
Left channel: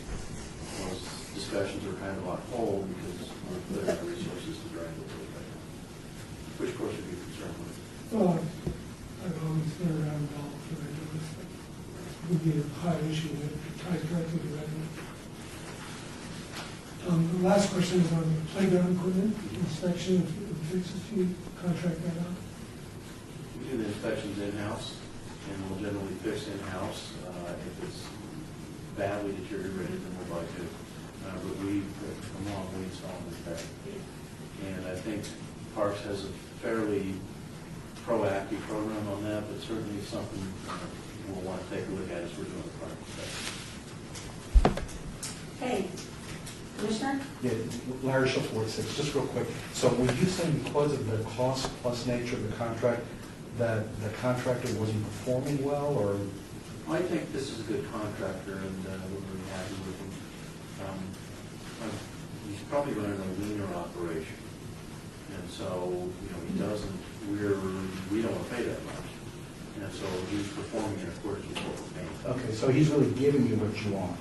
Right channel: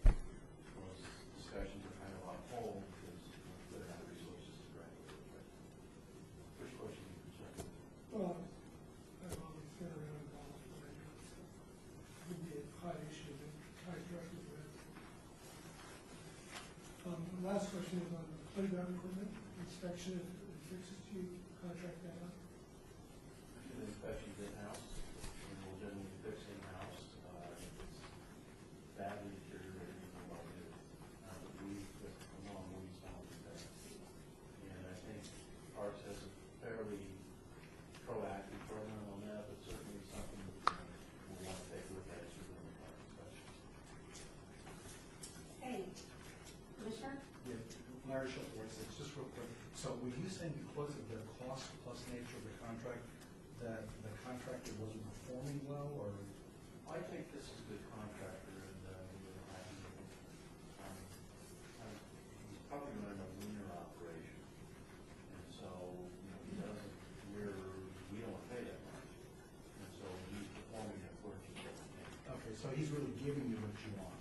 Those discussions are kind of on hold because we're putting our resources to drive the road right now. Which course are you concerned with? Well, I've always been around golf, and I know this would be a high issue that ties directly to revenue. The last question is on the playground equipment inspection and fixes. Do you contract that out? We do the inspections in-house, and we'll generally fix in-house. If it's badly deteriorated, then we'll buy it. But we install and repair. And I think Parks has a fairly proactive program on that, but certainly something we'll want to take a look at as we're doing the park inspection. Okay. Commissioner? Yeah, Larry Schultz, Ward 6, just real quick. So were you saying because of the cost plus nature of the contract, that the contractor wasn't performing well, or? I think this is a good contractor, and we're very happy with him. He's probably running a leaner operation, and so, he doesn't, we don't want to pay that much. And so he's performing in accordance with what we're paying. Okay, so he's really giving you what you want.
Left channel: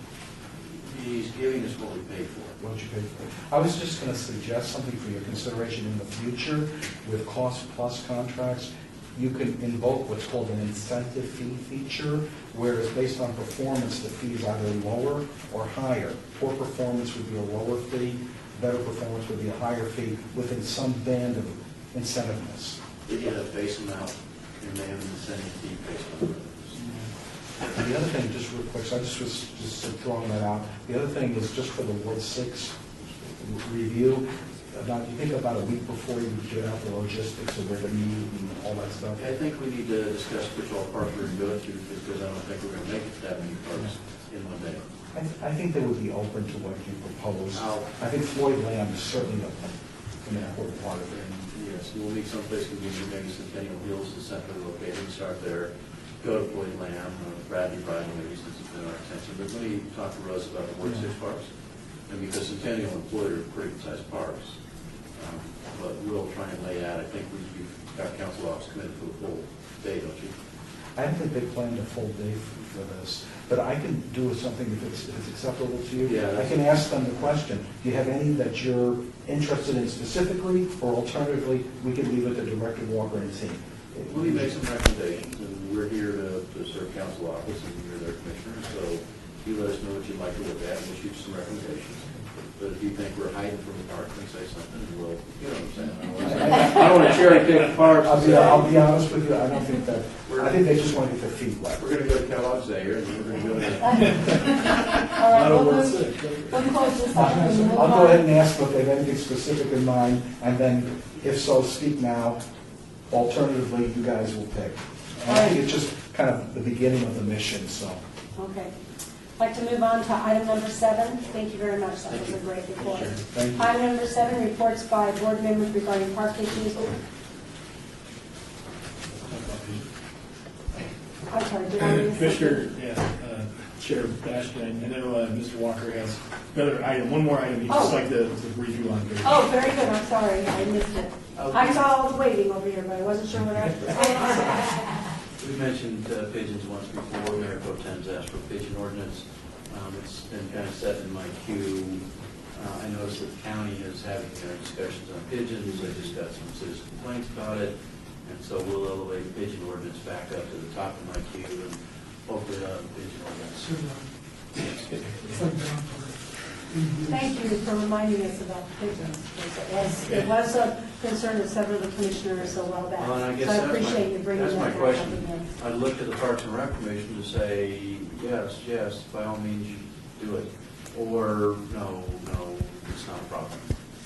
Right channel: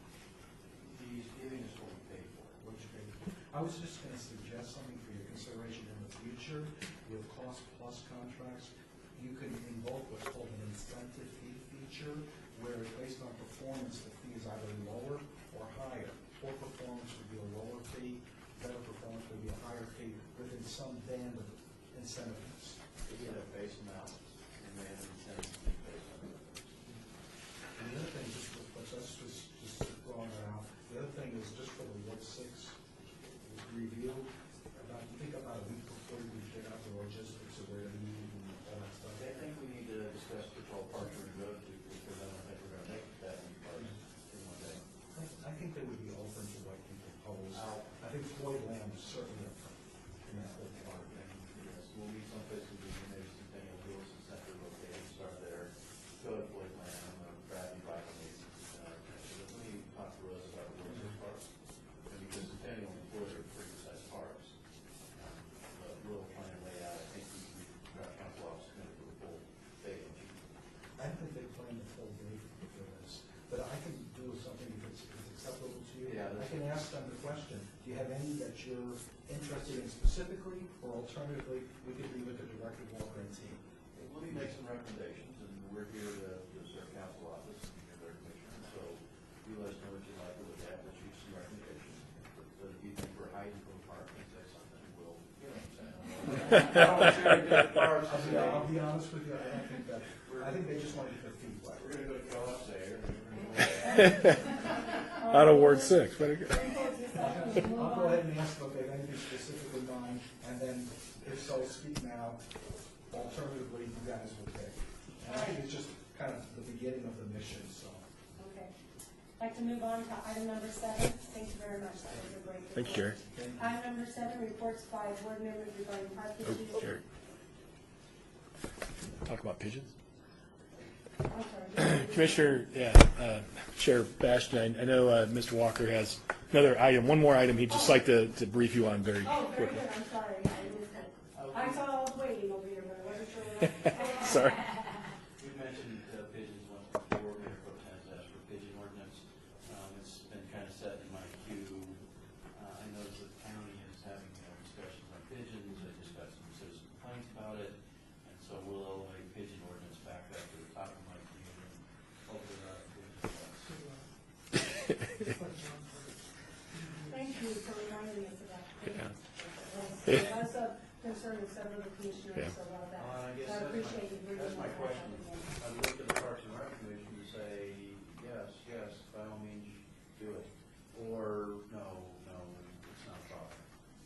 He's giving us what we paid for. What you paid for. I was just going to suggest something for your consideration in the future with cost plus contracts. You can invoke what's called an incentive fee feature, where it's based on performance, the fee is either lower or higher. Poor performance would be a lower fee, better performance would be a higher fee within some band of incentiveness. They get a base amount, and they have an incentive fee based on revenues. And the other thing, just real quick, so I just was just throwing that out. The other thing is just for the Ward 6 review, you think about a week before you get out the logistics of where to meet and all that stuff. I think we need to discuss which all parks we're going to go to, because I don't think we're going to make it to that many parks in one day. I think they would be open to what you propose. I think Floyd Lamb is certainly an important part of it. Yes, we'll meet someplace convenient, maybe Centennial Hills is centrally located, start there, go to Floyd Lamb, Bradley Bridal, maybe since it's been our attention. But let me talk to Rose about the Ward 6 parks, and because Centennial and Floyd are pretty good-sized parks. But we'll try and lay out, I think we've got council office committed for the full day, don't you? I don't think they planned a full day for this, but I can do something if it's acceptable to you. Yeah, I can ask them the question, do you have any that you're interested in specifically, or alternatively, we can leave it to Director Walker and team? Let me make some recommendations, and we're here to serve council office, and you're their commissioner, so you let us know what you'd like to look at, and we'll shoot you some recommendations. But if you think we're hiding from the park, then say something, and we'll, you know what I'm saying? I don't want to cherry pick parks. I'll be honest with you, I don't think that. We're I think they just want to get their feet wet. We're gonna go to Kellogg's there, and we're gonna go to. Out of Ward 6. We'll close this up and move I'll go ahead on. and ask if they have anything specific in mind, and then if so, speak now. Alternatively, you guys will pick. And I think it's just kind of the beginning of the mission, so. Okay. I'd like to move on to item number 7. Thank you very much. That was a great report. Thank you. Item number 7, reports by board members regarding park issues. I'm sorry, do you want to- Commissioner, Chair Bastian, I know Mr. Walker has another item, one more item he'd just Oh. like to brief you on very. Oh, very good. I'm sorry. I missed it. I saw all the waiting over here, but I wasn't sure what I was saying. We mentioned pigeons once before. Mayor Pro Tem's asked for a pigeon ordinance. It's been kind of set in my queue. I noticed that the county is having discussions on pigeons. I just got some citizen complaints about it. And so we'll elevate the pigeon ordinance back up to the top of my queue and hopefully have a pigeon ordinance. Thank you for reminding us about the pigeons. It was a concern of several of the commissioners a while back. Well, and I guess So I that's appreciate you bringing that That's my back up question. again. I looked at the Parks and Rec Commission to say, yes, by all means, you do it. Or, no, it's not a problem.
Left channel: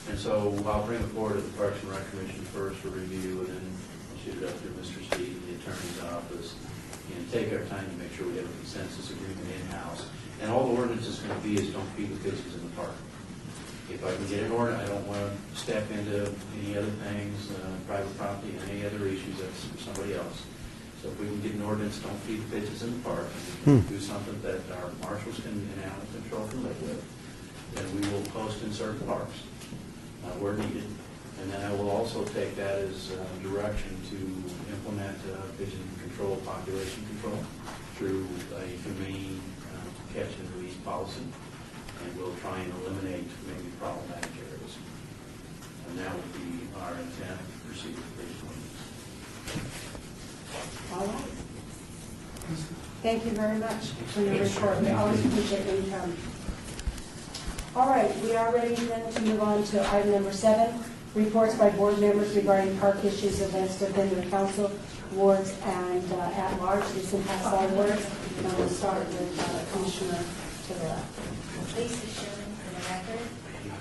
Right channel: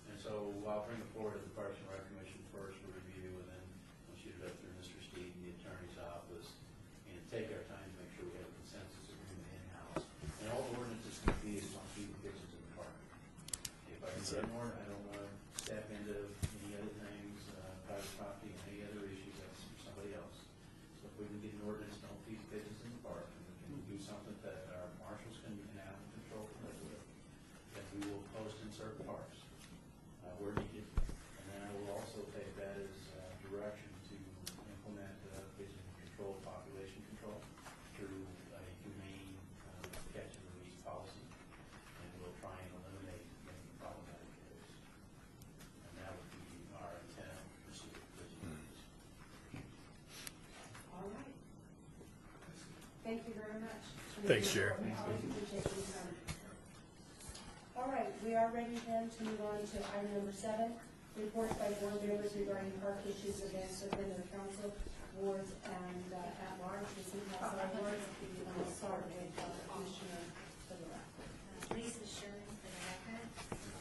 And so I'll bring it forward to the Parks and Rec Commission first for review, and then I'll shoot it up to Mr. Steve, the attorney's office, and take our time to make sure we have a consensus agreement in-house. And all the ordinance is going to be is don't feed the pigeons in the park. If I can get an ordinance, I don't want to step into any other things, private property, and any other issues, that's for somebody else. So if we can get an ordinance, don't feed the pigeons in the park, and we can do something that our marshals can, and animal control can live with, then we will post in certain parks where needed. And then I will also take that as direction to implement pigeon control, population control through a humane catch and release policy. And we'll try and eliminate maybe problematic areas. And that would be our intent to proceed with pigeon ordinance. All right. Thank you very much for your Thanks, report. We Sharon. always appreciate when you come. All right, we are ready then to move on to item number 7, reports by board members regarding park issues, events within the council, wards, and at large. This impacts all wards. And we'll start with Commissioner to the left. Lisa Sherman for the record.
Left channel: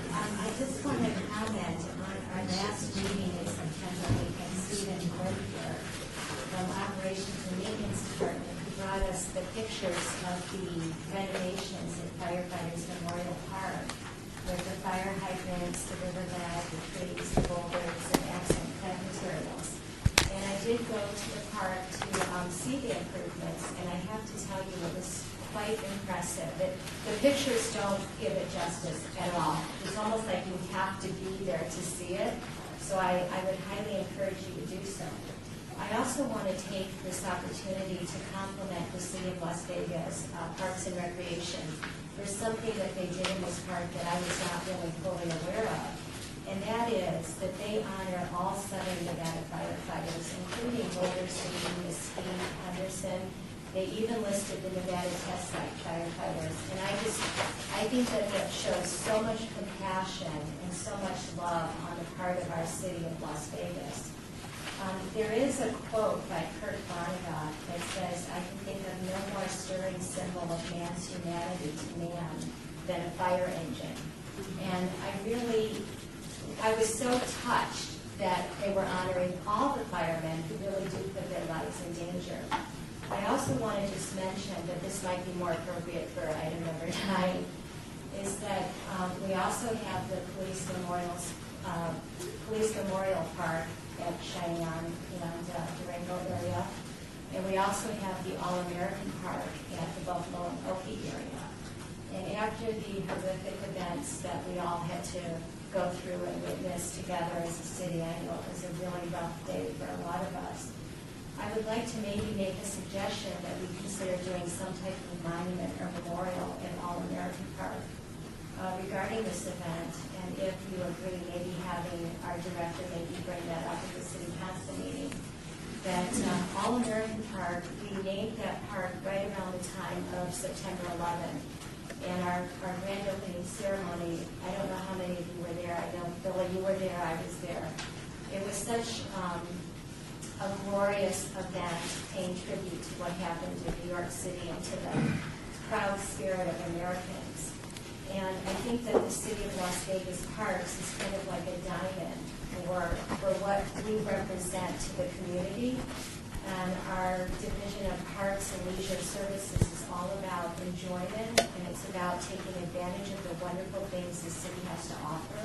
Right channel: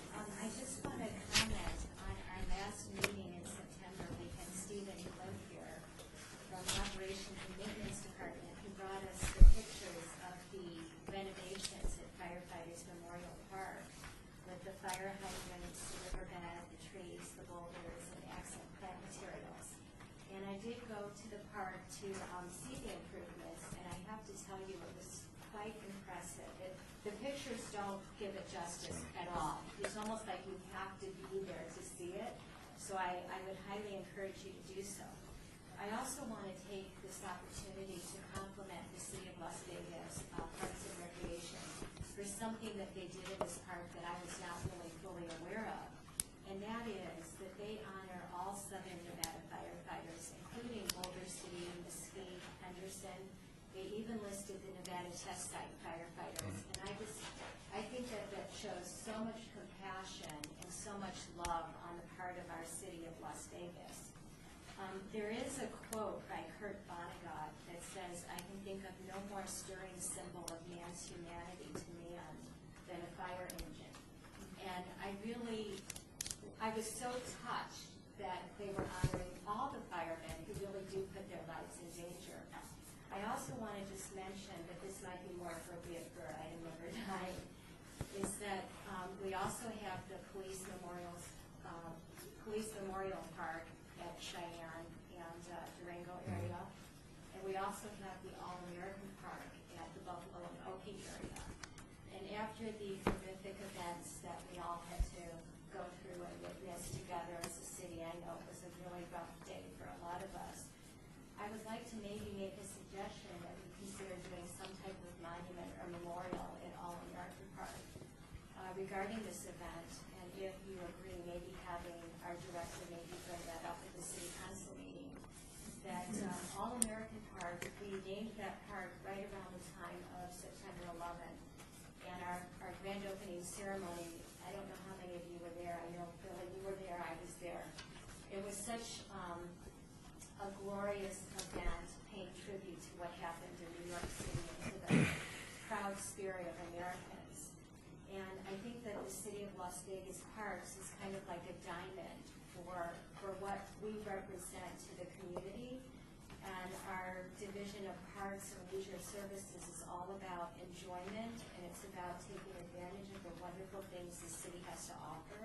I just want to comment on our last meeting in September, we had Stephen Goldberg from Operations and Maintenance Department who brought us the pictures of the renovations at Firefighters Memorial Park with the fire hydrants, the riverbed, the trees, the boulders, and excellent plant materials. And I did go to the park to see the improvements, and I have to tell you, it was quite impressive. The pictures don't give it justice at all. It's almost like you have to be there to see it. So I would highly encourage you to do so. I also want to take this opportunity to compliment the City of Las Vegas Parks and Recreation. There's something that they did in this park that I was not really fully aware of, and that is that they honor all 7 Nevada firefighters, including Boulder City, Mesquite, Henderson. They even listed the Nevada Test Site firefighters, and I think that shows so much compassion and so much love on the part of our city of Las Vegas. There is a quote by Kurt Vonnegut that says, "I can think of no more stirring symbol of man's humanity to man than a fire engine." And I was so touched that they were honoring all the firemen who really do put their lives in danger. I also want to just mention that this might be more appropriate for item number 9, is that we also have the Police Memorial Park at Cheyenne and Durango area. And we also have the All-American Park at the Buffalo and Okie area. And after the horrific events that we all had to go through and witness together as a city, I know it was a really rough day for a lot of us. I would like to maybe make a suggestion that we consider doing some type of monument or memorial in All-American Park regarding this event. And if you agree, maybe having our director maybe bring that up at the city council meeting. That All-American Park, we named that park right around the time of September 11th. And our grand opening ceremony, I don't know how many of you were there. I know, Billy, you were there. I was there. It was such a a glorious event paying tribute to what happened in New York City and to the proud spirit of Americans. And I think that the city of Las Vegas Parks is kind of like a diamond for what we represent to the community. And our Division of Parks and Leisure Services is all about enjoyment, and it's about taking advantage of the wonderful things the city has to offer.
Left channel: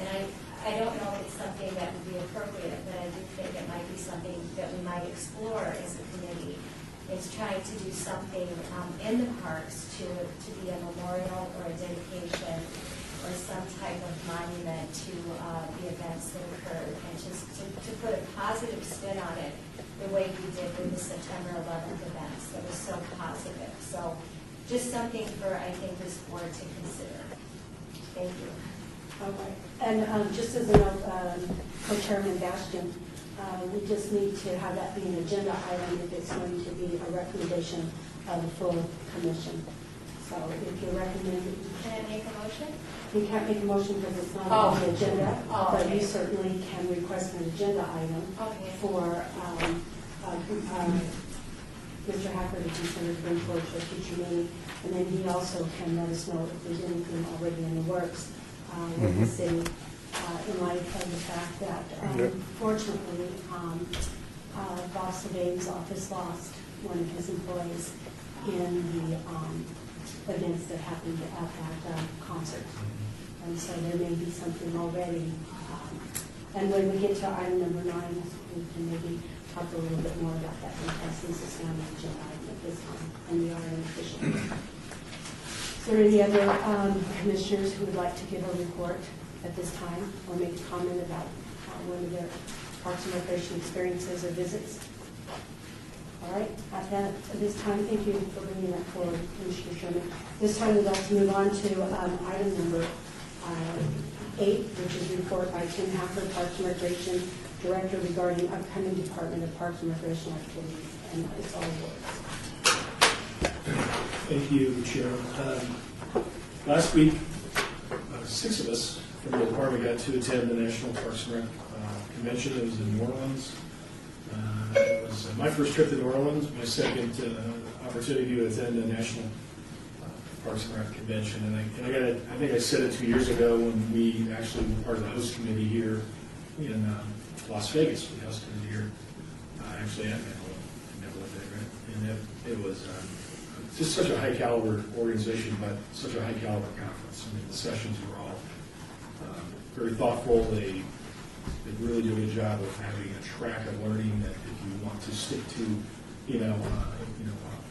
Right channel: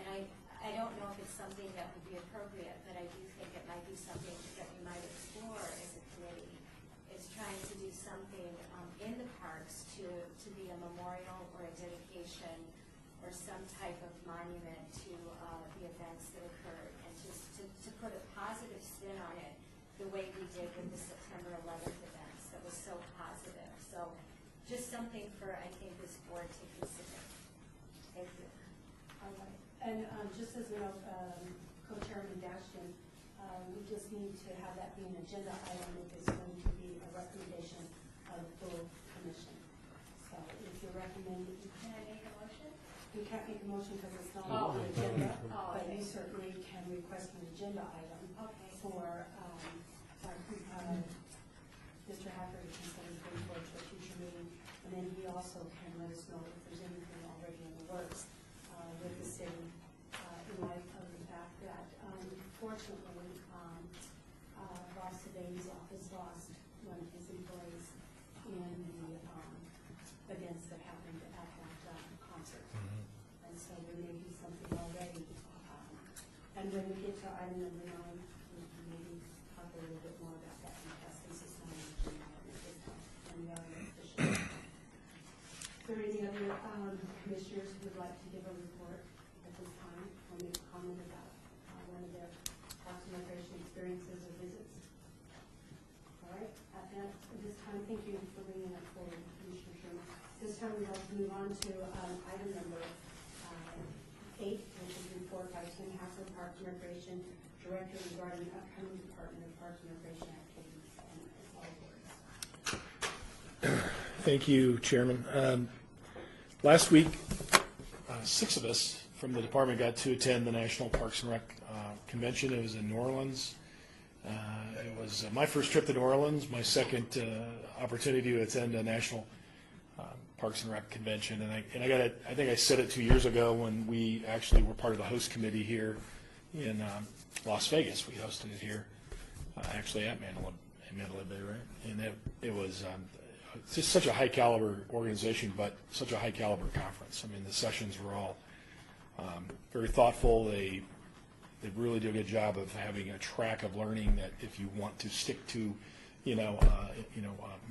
And I don't know if it's something that would be appropriate, but I do think it might be something that we might explore as a committee, is trying to do something in the parks to be a memorial or a dedication or some type of monument to the events that occurred, and just to put a positive spin on it the way we did with the September 11th events. That was so positive. So just something for, I think, this board to consider. Thank you. All right. And just as a note, Co-Chairman Bastian, we just need to have that be an agenda item if it's going to be a recommendation of the full commission. So if you're recommending, Can I make a motion? you can't make a motion because it's not Oh. on the agenda, Oh, but you okay. certainly can request an agenda item Okay. for Mr. Hacker to consider to bring forward to a future meeting. And then he also can let us know if there's anything already in the works with the city, in light of the fact that, fortunately, Boss Dave's office lost one of his employees in the events that happened at that concert. And so there may be something already. And when we get to item number 9, we can maybe talk a little bit more about that, because this is not an agenda item at this time, and we are an official. Is there any other commissioners who would like to give a report at this time, or make a comment about one of their Parks and Recreation experiences or visits? All right, at this time, thank you for bringing that forward, Commissioner Sherman. This time, we'd like to move on to item number 8, which is report by Tim Hacker, Parks and Recreation Director, regarding upcoming Department of Parks and Recreation activities, and it's all yours. Thank you, Chairman. Last week, 6 of us from the department got to attend the National Parks and Rec Convention. It was in New Orleans. It was my first trip to New Orleans, my second opportunity to attend a National Parks and Rec Convention. And I think I said it 2 years ago when we actually were part of the host committee here in Las Vegas. We hosted it here, actually at Manila there, and it was just such a high caliber organization, but such a high caliber conference. I mean, the sessions were all very thoughtful. They really do a good job of having a track of learning that if you want to stick to,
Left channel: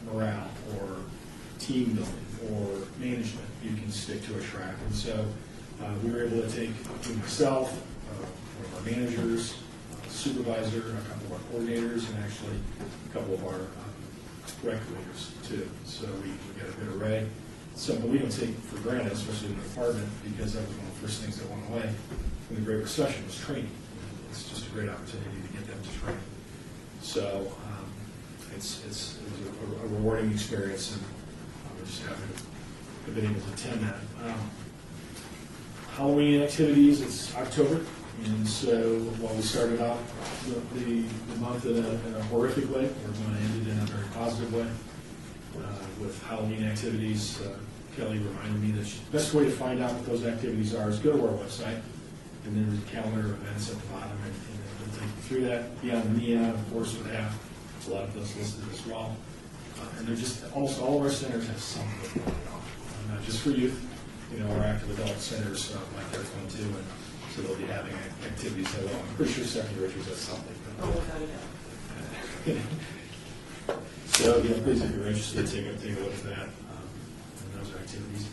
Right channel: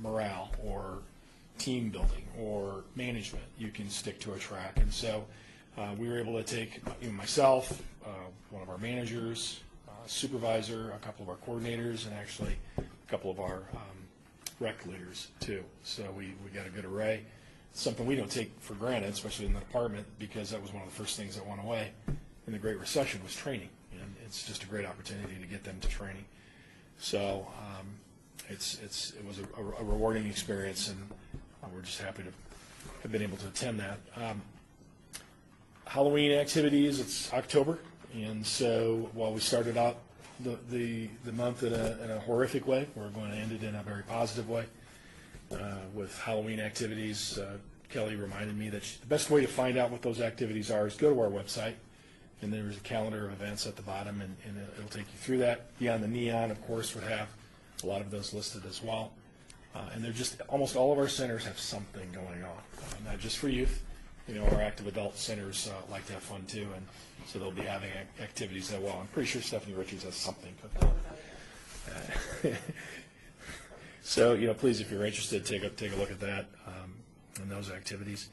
morale or team building or management, you can stick to a track. And so we were able to take myself, one of our managers, a supervisor, a couple of our coordinators, and actually a couple of our rec leaders too. So we got a good array. Something we don't take for granted, especially in the department, because that was one of the first things that went away in the Great Recession was training. And it's just a great opportunity to get them to train. So it was a rewarding experience, and we're just happy to have been able to attend that. Halloween activities, it's October, and so while we started out the month in a horrific way, we're going to end it in a very positive way with Halloween activities. Kelly reminded me that the best way to find out what those activities are is go to our website, and there's a calendar of events at the bottom, and it'll take you through that. Beyond the Neon, of course, would have a lot of those listed as well. And they're just, almost all of our centers have something going on, not just for youth. Our active adult centers like their fun too, and so they'll be having activities that, well, I'm pretty sure Stephanie Richards has something. So, please, if you're interested, take a look at that and those activities.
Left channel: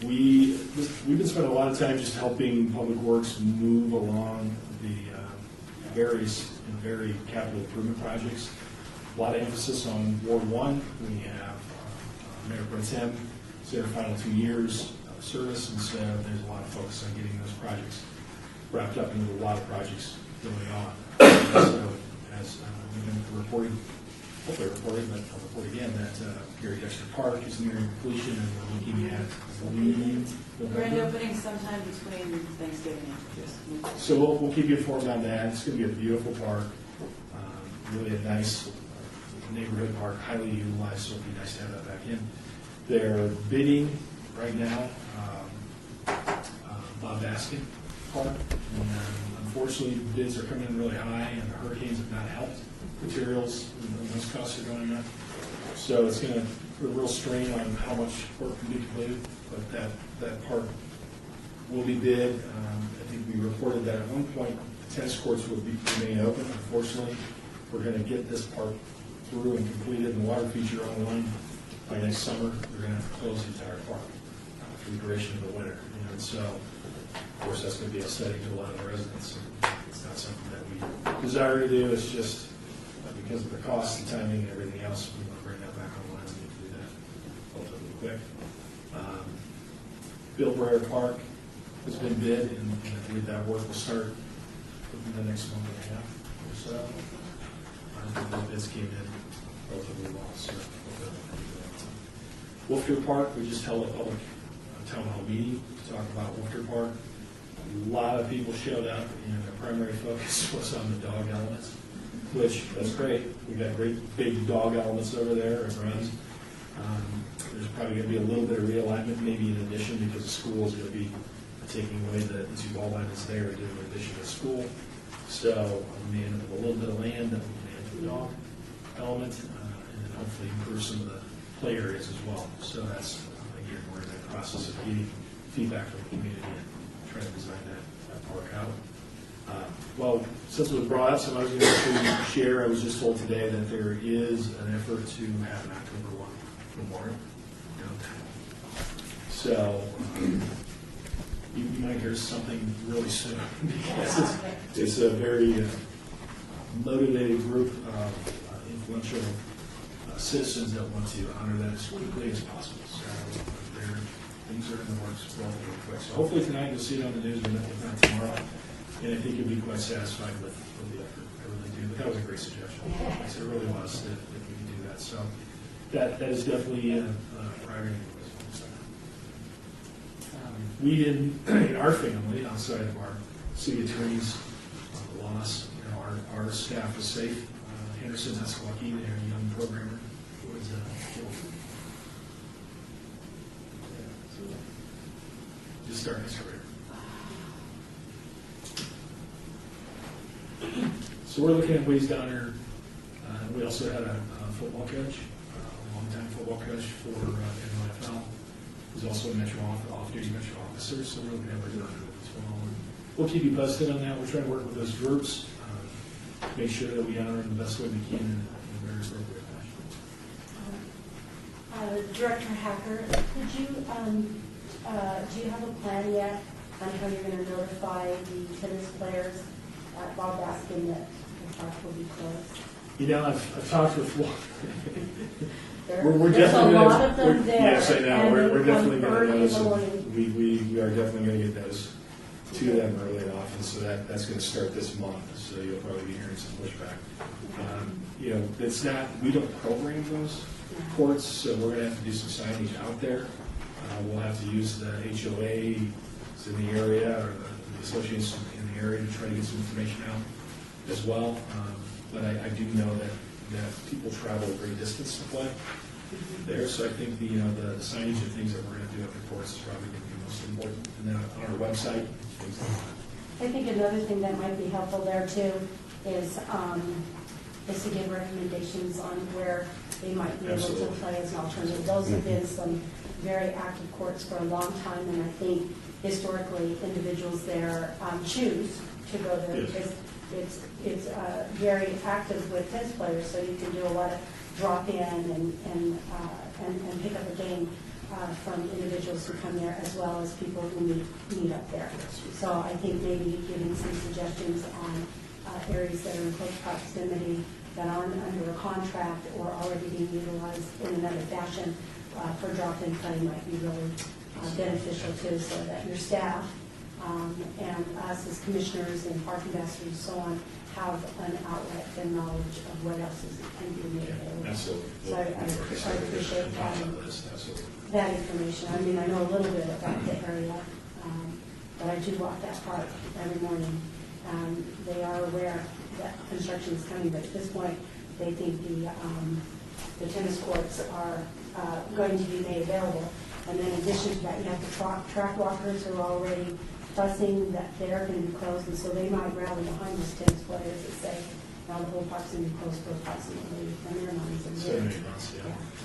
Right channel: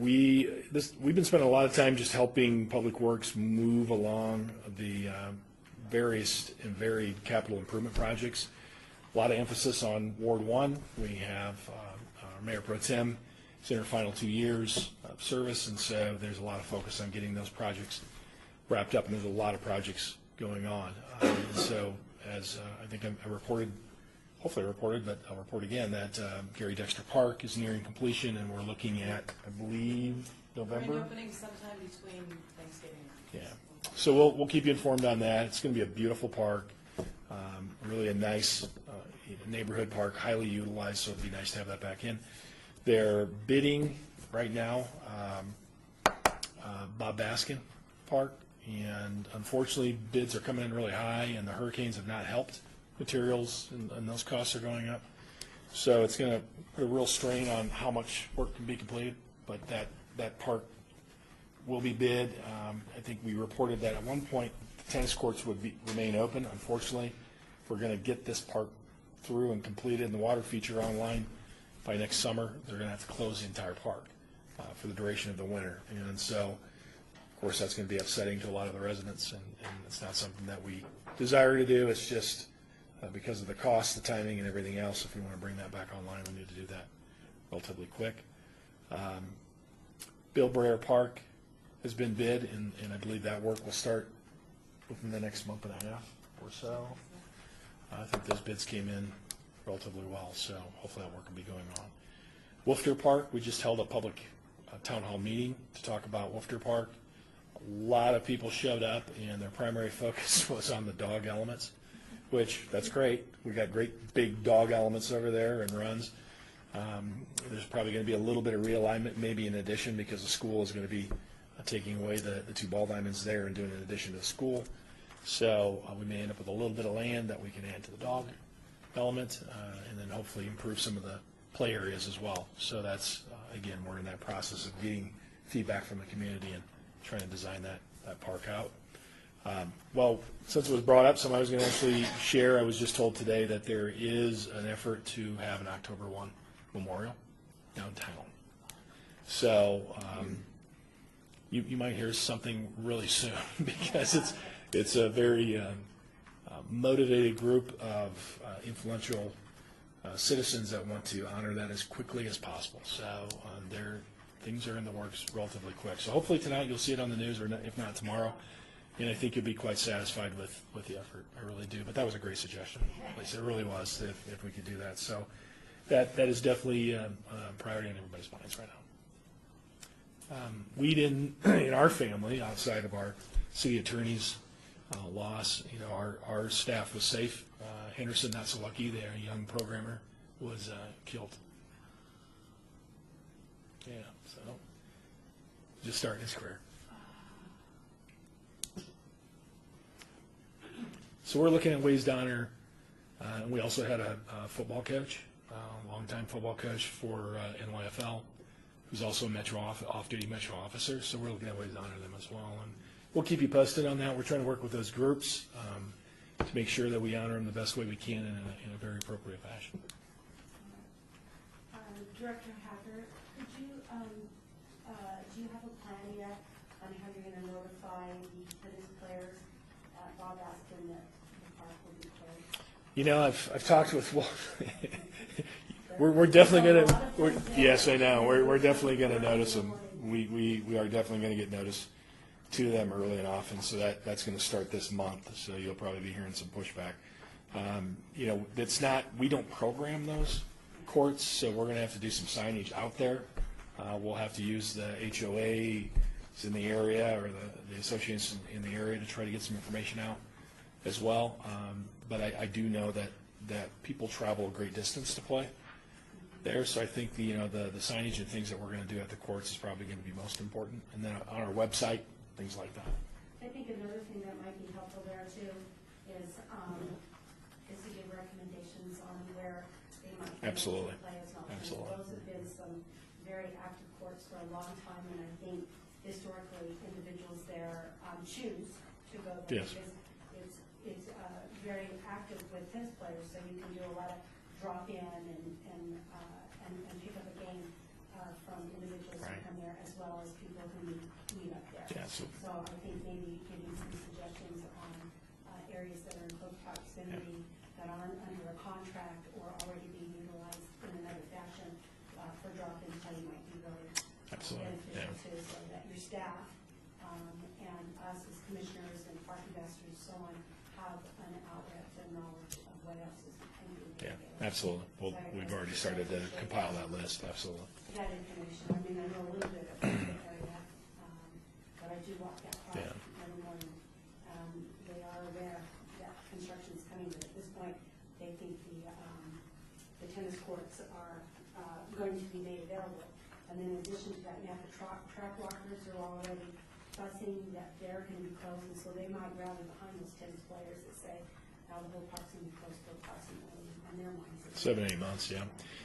We've been spending a lot of time just helping Public Works move along the various and very capital improvement projects. A lot of emphasis on Ward 1. We have Mayor Pro Tem, it's their final 2 years of service, and so there's a lot of focus on getting those projects wrapped up, and there's a lot of projects going on. So, as I think I'm reporting hopefully I'll report again that Gary Dexter Park is nearing completion, and we're looking at, I believe, We're November. opening sometime between Thanksgiving and Christmas. So we'll keep you informed on that. It's going to be a beautiful park, really a nice neighborhood park, highly utilized, so it'd be nice to have that back in. They're bidding right now Bob Baskin Park, and unfortunately bids are coming in really high, and the hurricanes have not helped. Materials, those costs are going up. So it's going to put a real strain on how much work can be completed, but that park will be bid. I think we reported that at one point the tennis courts would be remaining open. Unfortunately, we're going to get this park through and completed, and the water feature online by next summer. They're going to have to close the entire park for the duration of the winter. And so, of course, that's going to be upsetting to a lot of the residents. It's not something that we desire to do. It's just because of the cost, the timing, and everything else. If we want to bring that back online, we need to do that relatively quick. Bill Breyer Park has been bid, and I believe that work will start within the next month and a half or so. I think those bids came in relatively well, so hopefully that work will be going on. Wolfter Park, we just held a public town hall meeting to talk about Wolfter Park. A lot of people showed up, and their primary focus was on the dog elements, which, that's great. We got great big dog elements over there and runs. There's probably going to be a little bit of realignment, maybe in addition, because the school is going to be taking away the two ball diamonds there and doing an addition to the school. So we may end up with a little bit of land that we can add to the dog element, and then hopefully improve some of the play areas as well. So that's, again, we're in that process of getting feedback from the community and trying to design that park out. Well, since it was brought up, something I was going to share, I was just told today that there is an effort to have an October 1 memorial downtown. So you might hear something really soon because it's a very motivated group of influential citizens that want to honor that as quickly as possible. So things are in the works relatively quick. So hopefully tonight you'll see it on the news, or if not tomorrow. And I think you'll be quite satisfied with the effort. I really do. But that was a great suggestion. It really was, if we could do that. So that is definitely a priority in everybody's minds. We didn't, in our family, outside of our city attorney's loss, our staff was safe. Henderson, that's lucky. Their young programmer was killed. Yeah, so just starting his career. So we're looking at ways to honor. We also had a football coach, a longtime football coach for NYFL. He's also a off-duty Metro officer, so we're looking at ways to honor them as well. And we'll keep you posted on that. We're trying to work with those groups to make sure that we honor them the best way we can in a very appropriate fashion. Director Hacker, do you have a plan yet on how you're going to notify the tennis players at Bob Baskin that the park will be closed? I've talked with. There's We're definitely a going lot of them to. there, Yes, I know. and We're they definitely come going to early notice in the them. morning. We are definitely going to get those to them early and often. So that's going to start this month. So you'll probably be hearing some pushback. It's not. We don't program those courts, so we're going to have to do some signage out there. We'll have to use the HOAs in the area or the associations in the area to try to get some information out as well. But I do know that people travel a great distance to play there. So I think the signage and things that we're going to do at the courts is probably going to be most important. And then on our website, things like that. I think another thing that might be helpful there too is to give recommendations on where they might be able to Absolutely. play as an alternative. Those have been some very active courts for a long time, and I think historically individuals there choose to go there Yes. because it's very active with tennis players, so you can do a lot of drop-in and pick up a game from individuals who come there as well as people who meet up there. Yes. So I think maybe giving some suggestions on areas that are in close proximity that aren't under a contract or already being utilized in another fashion for drop-in play might be really beneficial too, so that your staff and us as commissioners and park ambassadors and so on have an outlet and knowledge of what else is can be made available. Absolutely. So I appreciate Absolutely. that information. I mean, I know a little bit about the area, but I do walk that park every morning. They are aware that construction is coming, but at this point, they think the tennis courts are going to be made available. And then in addition to that, you have the track walkers who are already fussing that they're going to be closed, and so they might rally behind those tennis players that say, now the whole park's going to be closed for approximately, in their minds. 7 or 8 months, yeah.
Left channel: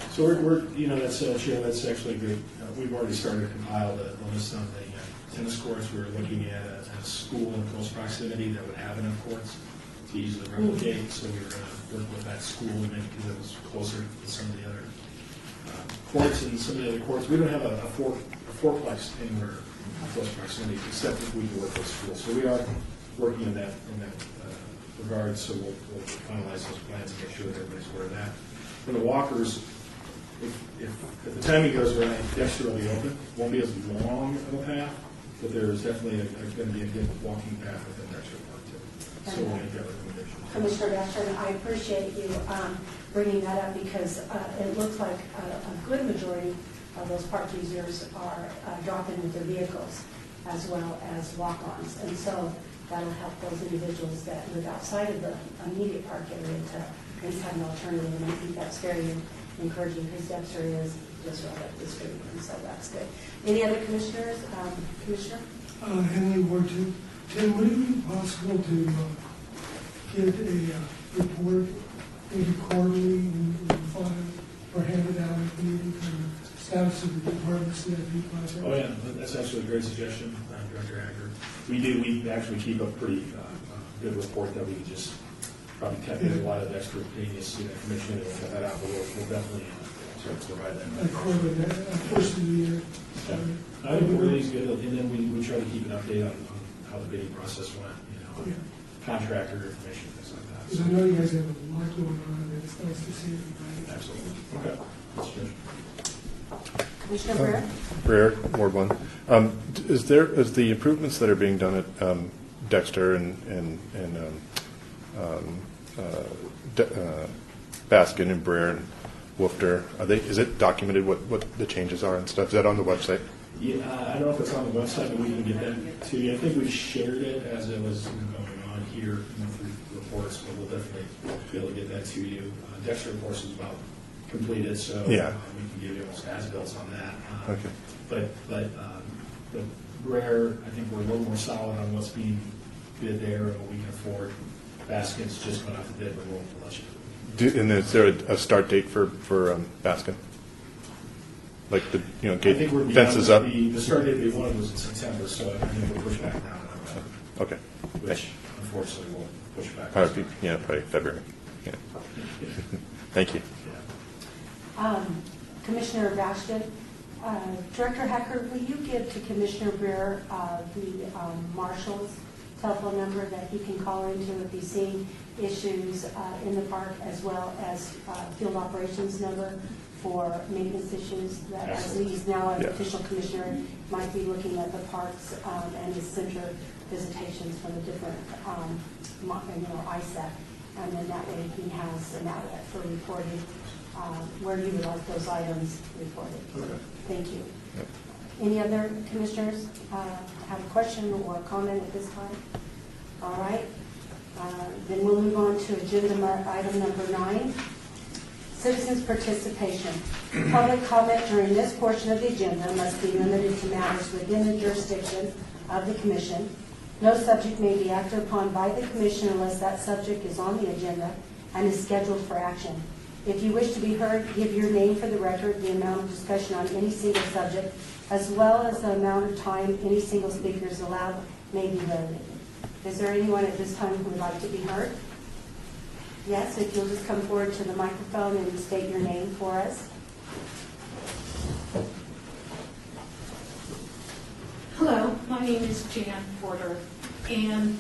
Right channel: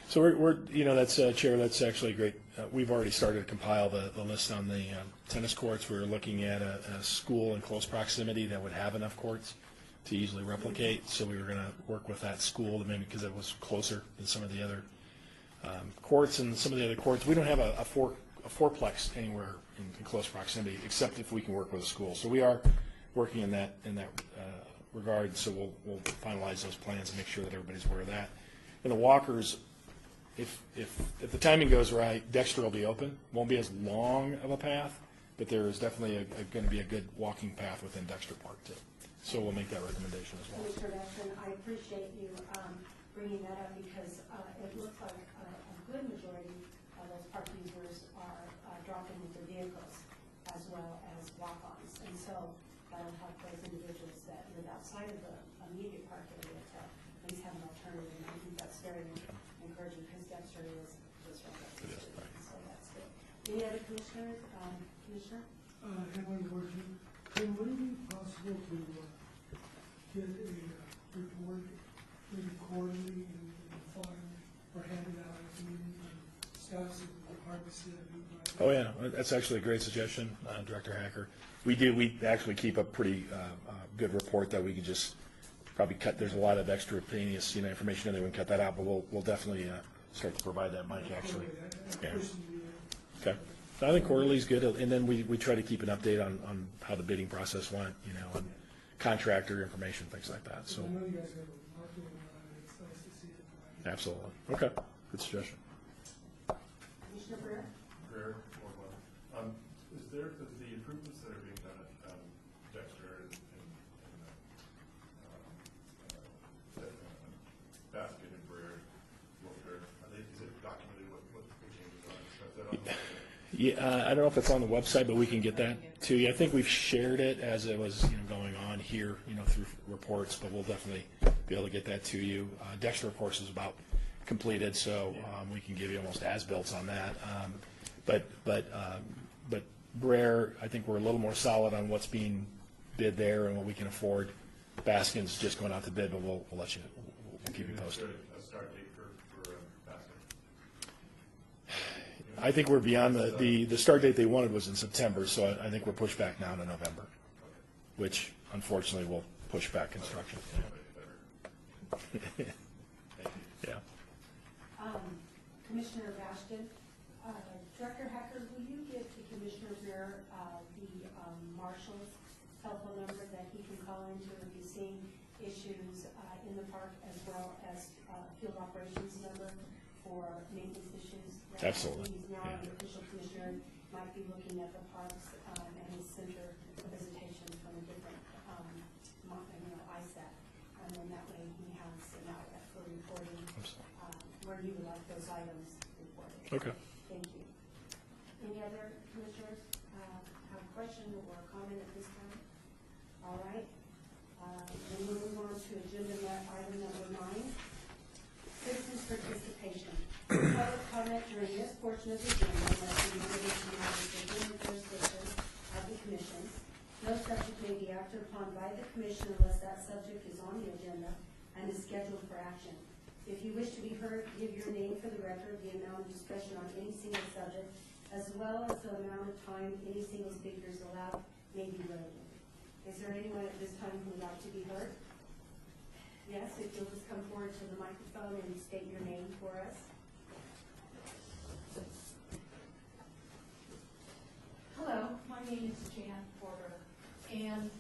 So we're that's, Chair, that's actually great. We've already started to compile the list on the tennis courts. We're looking at a school in close proximity that would have enough courts to easily replicate. So we were going to work with that school to make, because that was closer than some of the other courts, and some of the other courts. We don't have a fourplex anywhere in close proximity, except if we can work with schools. So we are working in that regard. So we'll finalize those plans and make sure that everybody's aware of that. And the walkers, if the timing goes right, Dexter will be open. Won't be as long of a path, but there's definitely going to be a good walking path within Dexter Park too. So we'll make that recommendation. Commissioner Bashford, I appreciate you bringing that up, because it looks like a good majority of those park users are dropping with their vehicles as well as walk-ons. And so that'll help those individuals that live outside of the immediate park area to at least have an alternative. And I think that's very encouraging, because Dexter is just right up the street, and so that's good. Any other commissioners? Commissioner? Henley, Ward 2. Tim, would it be possible to get a report, maybe quarterly, and file or hand it out at the meeting for the status of the departments that have applied? Oh yeah, that's actually a great suggestion, Director Hacker. We actually keep a pretty good report that we can just probably cut. There's a lot of extraneous information, and we'll cut that out, but we'll definitely sort of provide that. First of the year. Okay. So I think quarterly is good, and then we try to keep an update on how the bidding process went, contractor information, things like that. Because So, I know you guys have a lot going on, and it's nice to see everybody. absolutely. Okay. Good suggestion. Commissioner Breer? Breer, Ward 1. Is the improvements that are being done at Dexter and Baskin and Breer and Woofter, is it documented what the changes are and stuff? Is that on the website? Yeah, I don't know if it's on the website, but we can get that to you. I think we've shared it as it was going on here, through reports, but we'll definitely be able to get that to you. Dexter, of course, is about completed, so Yeah. we can give you almost as-built on that. Okay. But Rare, I think we're a little more solid on what's being bid there and what we can afford. Baskin's just going out to bid, but we'll let you. And is there a start date for Baskin? Like the I think we're beyond fences up? the start date they wanted was in September, so I think we'll push back now to November, Okay. which unfortunately will push back. Probably February. Yeah. Thank you. Yeah. Commissioner Bashford, Director Hacker, will you give to Commissioner Breer the marshal's telephone number that he can call into if he's seeing issues in the park, as well as field operations number for maintenance issues? That as Absolutely. he's now an Yeah. official commissioner, might be looking at the parks and his center visitations from the different, ISAC. And then that way he has an outlet for reporting where you would like those items reported. Okay. Thank you. Yep. Any other commissioners have a question or a comment at this time? All right. Then we'll move on to agenda item number 9, citizens' participation. Public comment during this portion of the agenda must be limited to matters within the jurisdiction of the commission. No subject may be acted upon by the commission unless that subject is on the agenda and is scheduled for action. If you wish to be heard, give your name for the record, the amount of discussion on any single subject, as well as the amount of time any single speaker is allowed may be limited. Is there anyone at this time who would like to be heard? Yes, if you'll just come forward to the microphone and state your name for us. Hello, my name is Jan Porter, and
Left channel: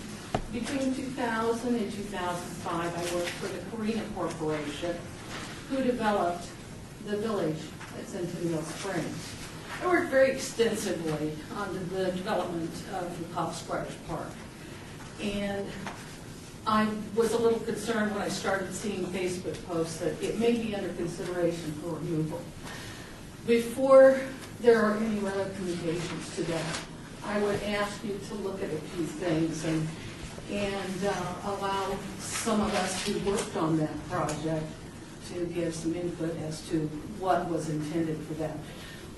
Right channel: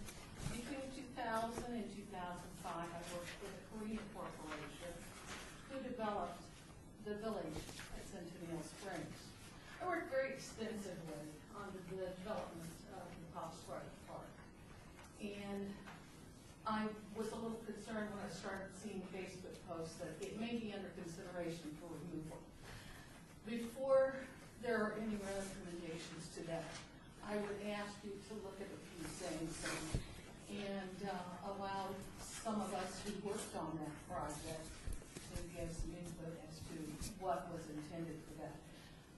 between 2000 and 2005, I worked for the Carina Corporation, who developed the village at Centennial Springs. I worked very extensively on the development of the Pop Squash Park. And I was a little concerned when I started seeing Facebook posts that it may be under consideration for removal. Before there are any recommendations to that, I would ask you to look at a few things and allow some of us who worked on that project to give some input as to what was intended for that.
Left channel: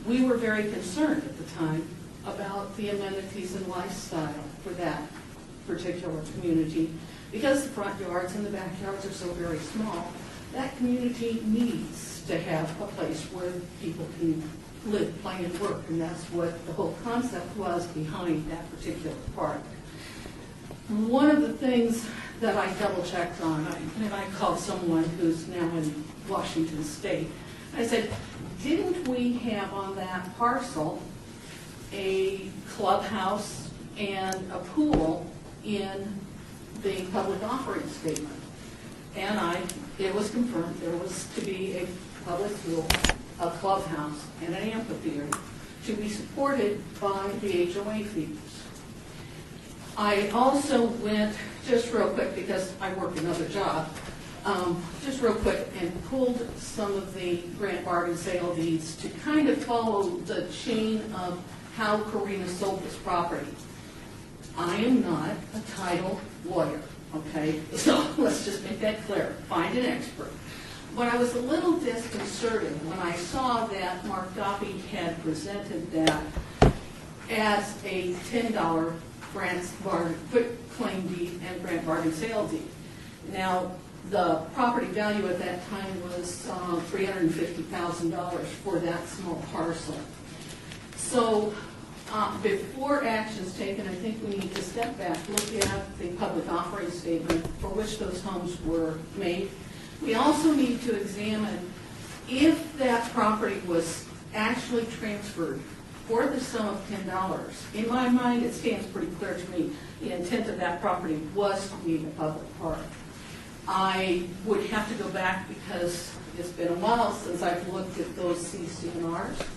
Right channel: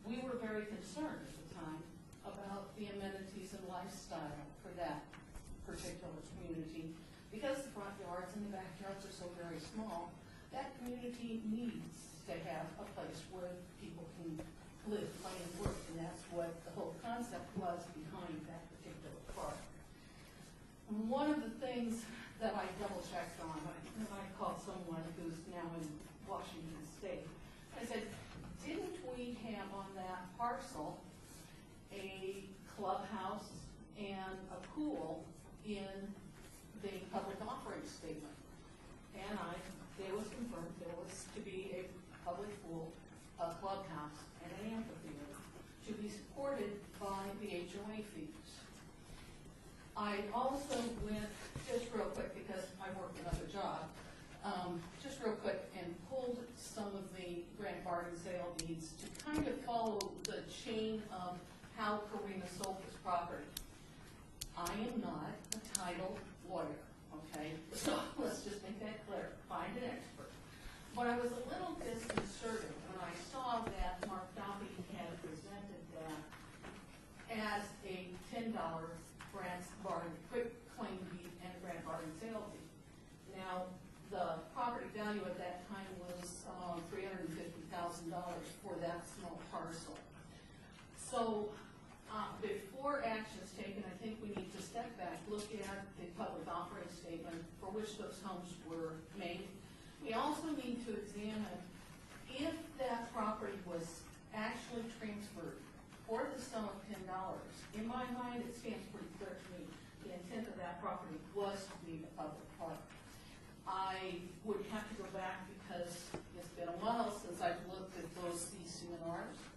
We were very concerned at the time about the amenities and lifestyle for that particular community. Because the front yards and the backyards are so very small, that community needs to have a place where people can live, play, and work, and that's what the whole concept was behind that particular park. One of the things that I double-checked on, and I called someone who's now in Washington State, I said, didn't we have on that parcel a clubhouse and a pool in the public offering statement? And it was confirmed there was to be a public pool, a clubhouse, and an amphitheater to be supported by the HOA fees. I also went, just real quick, because I work another job, just real quick, and pulled some of the grant bargain sale deeds to kind of follow the chain of how Karina sold this property. I am not a title lawyer, okay? So let's just make that clear. Find an expert. But I was a little disconcerted when I saw that Mark Duffy had presented that as a $10 quit claim deed and grant bargain sale deed. Now, the property value at that time was $350,000 for that small parcel. So before action's taken, I think we need to step back, look at the public offering statement for which those homes were made. We also need to examine if that property was actually transferred for the sum of $10. In my mind, it stands pretty clear to me the intent of that property was to be a public park. I would have to go back because it's been a while since I've looked at those CC&Rs.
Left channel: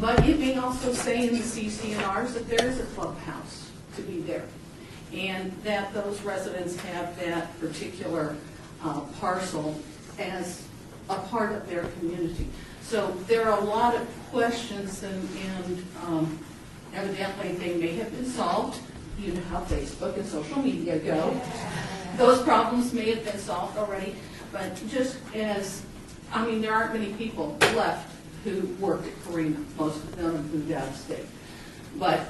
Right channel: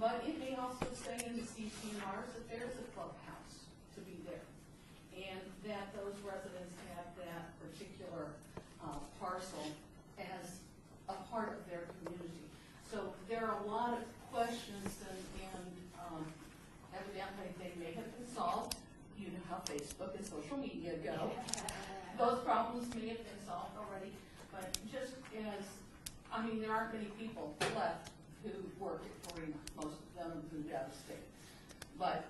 But it may also say in the CC&Rs that there is a clubhouse to be there, and that those residents have that particular parcel as a part of their community. So there are a lot of questions, and evidently they may have been solved. You know how Facebook and social media go. Those problems may have been solved already, but just as, I mean, there aren't many people left who worked at Karina. Most of them have moved out of state. But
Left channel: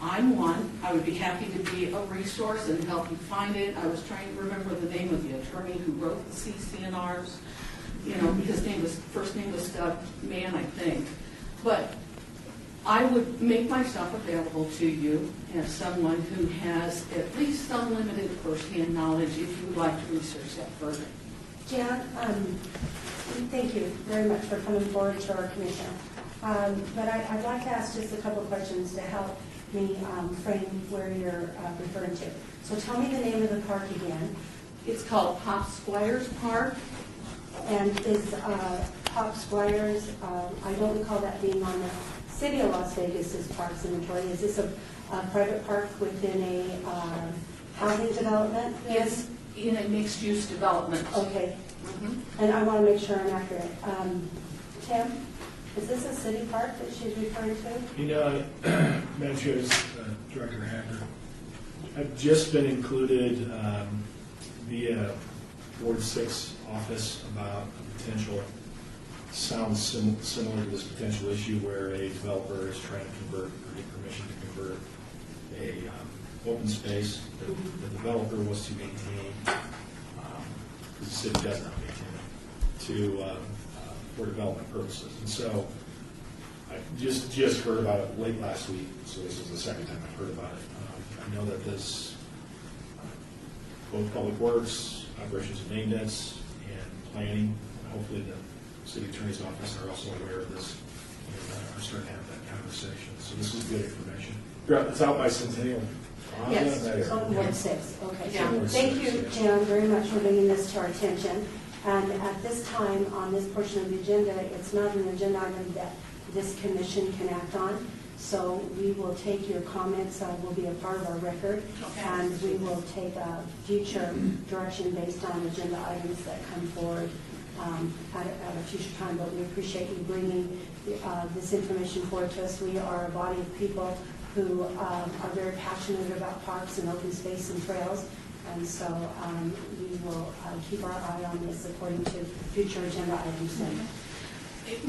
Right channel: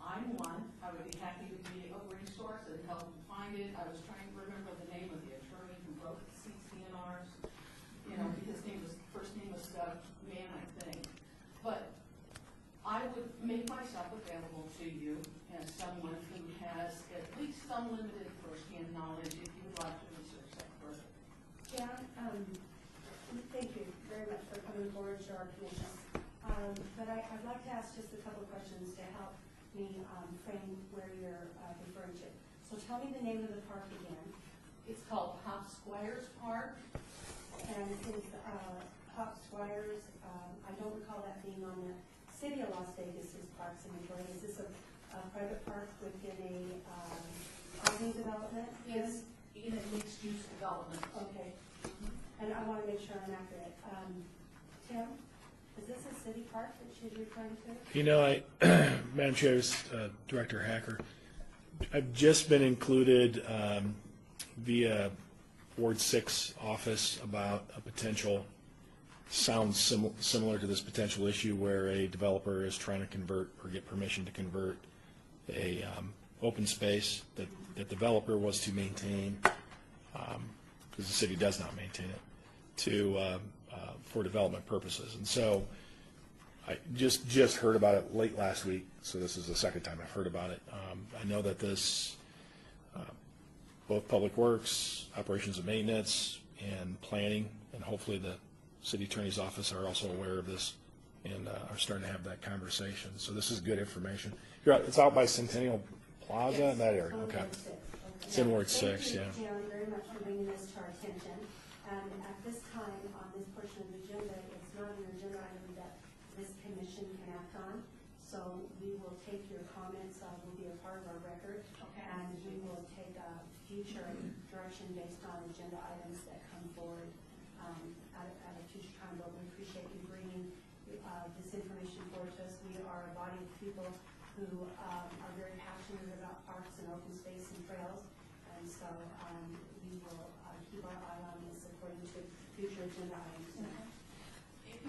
I'm one. I would be happy to be a resource and help you find it. I was trying to remember the name of the attorney who wrote the CC&Rs. You know, his first name was Doug Mann, I think. But I would make myself available to you as someone who has at least some limited firsthand knowledge if you would like to research that further. Jan, thank you very much for coming forward to our commission. But I'd like to ask just a couple questions to help me frame where you're referring to. So tell me the name of the park again. It's called Pop Squires Park. And is Pop Squires, I don't recall that being on the City of Las Vegas's parks inventory. Is this a private park within a housing development? It's in a mixed-use development. Okay. Mhm. And I want to make sure I'm accurate. Tim, is this a city park that she's referring to? You know, Madam Chair, this is Director Hacker. I've just been included via Ward 6 office about a potential, sounds similar to this potential issue where a developer is trying to convert or get permission to convert a open space that the developer was to maintain, because the city does not maintain it, for development purposes. And so I just heard about it late last week, so this is the second time I've heard about it. I know that this, both Public Works, Operations and Maintenance, and Planning, and hopefully the City Attorney's Office are also aware of this and are starting to have that conversation. So this is good information. It's out by Centennial Plaza Yes, in that area. on Ward 6, okay. It's on Ward Thank 6, you, yes. Jan, very much for bringing this to our attention. And at this time, on this portion of the agenda, it's not an agenda item that this commission can act on. So we will take your comments, will be a part of our record, Okay. and we will take a future direction based on agenda items that come forward at a future time. But we appreciate you bringing this information forward to us. We are a body of people who are very passionate about parks and open space and trails, and so we will keep our eye on this according to future agenda items.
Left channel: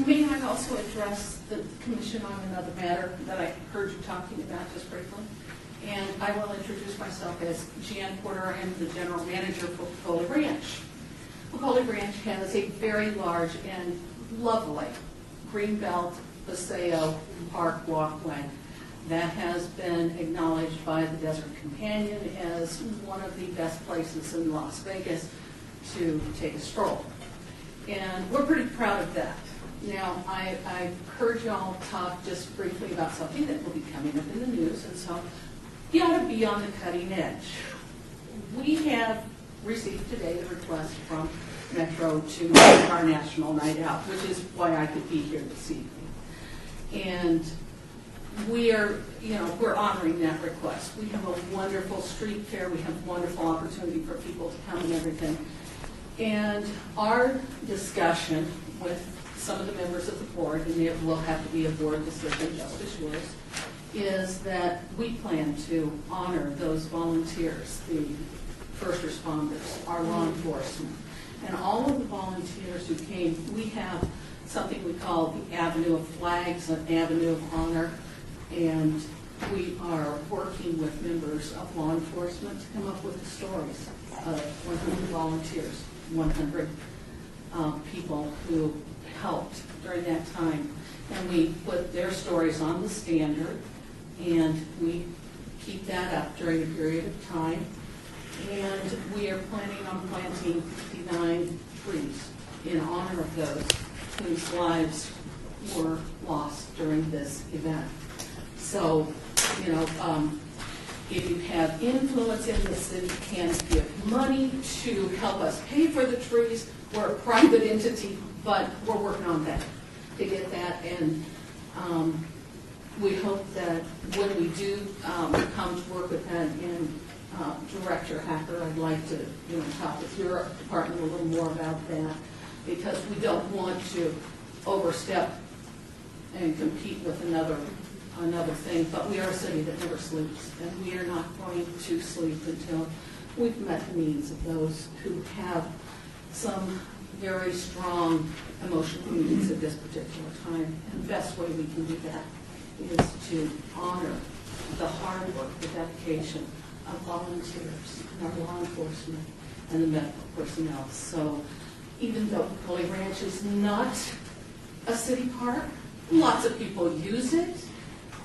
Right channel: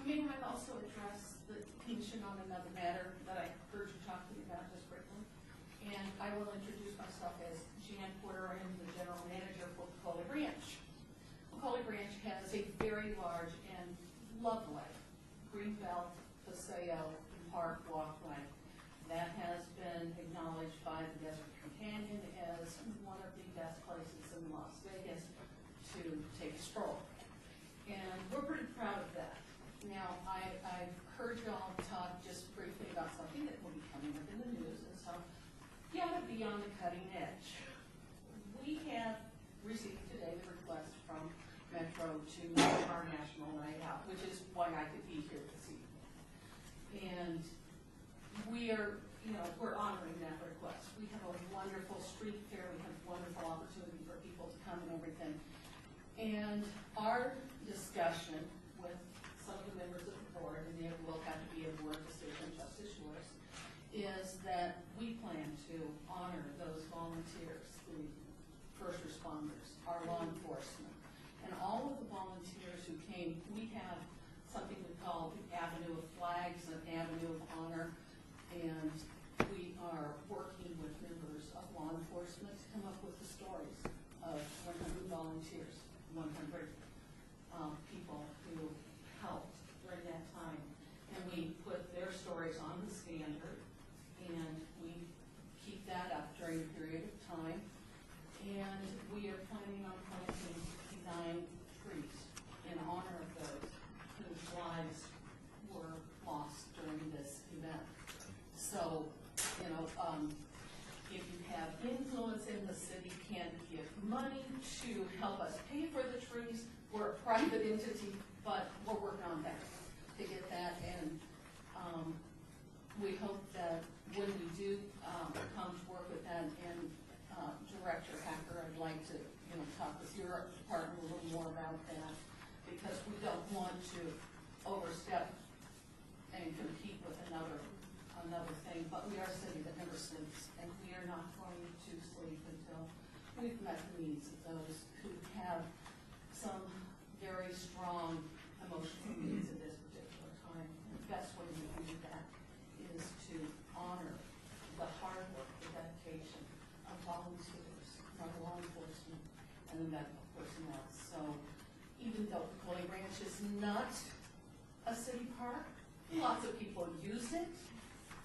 May I also address the commission on another matter that I heard you talking about just briefly? And I will introduce myself as Jan Porter. I am the general manager for Pecola Ranch. Pecola Ranch has a very large and lovely greenbelt paseo park walkway that has been acknowledged by the Desert Companion as one of the best places in Las Vegas to take a stroll. And we're pretty proud of that. Now, I've heard y'all talk just briefly about something that will be coming up in the news, and so you ought to be on the cutting edge. We have received today a request from Metro to make our National Night Out, which is why I could be here this evening. And we're honoring that request. We have a wonderful street fair. We have wonderful opportunity for people to come and everything. And our discussion with some of the members of the board, and it will have to be a board decision, just as yours, is that we plan to honor those volunteers, the first responders, our law enforcement, and all of the volunteers who came. We have something we call the Avenue of Flags, an Avenue of Honor, and we are working with members of law enforcement to come up with the stories of 100 volunteers, 100 people who helped during that time. And we put their stories on the standard, and we keep that up during a period of time. And we are planning on planting 59 trees in honor of those whose lives were lost during this event. So, if you have influence in the city, can give money to help us pay for the trees. We're a private entity, but we're working on that, to get that. And we hope that when we do come to work with that, and Director Hacker, I'd like to talk with your department a little more about that, because we don't want to overstep and compete with another thing. But we are a city that never sleeps, and we are not going to sleep until we've met the needs of those who have some very strong emotional needs at this particular time. And the best way we can do that is to honor the hard work, the dedication of volunteers, and our law enforcement, and the medical personnel. So even though Pecola Ranch is not a city park, lots of people use it,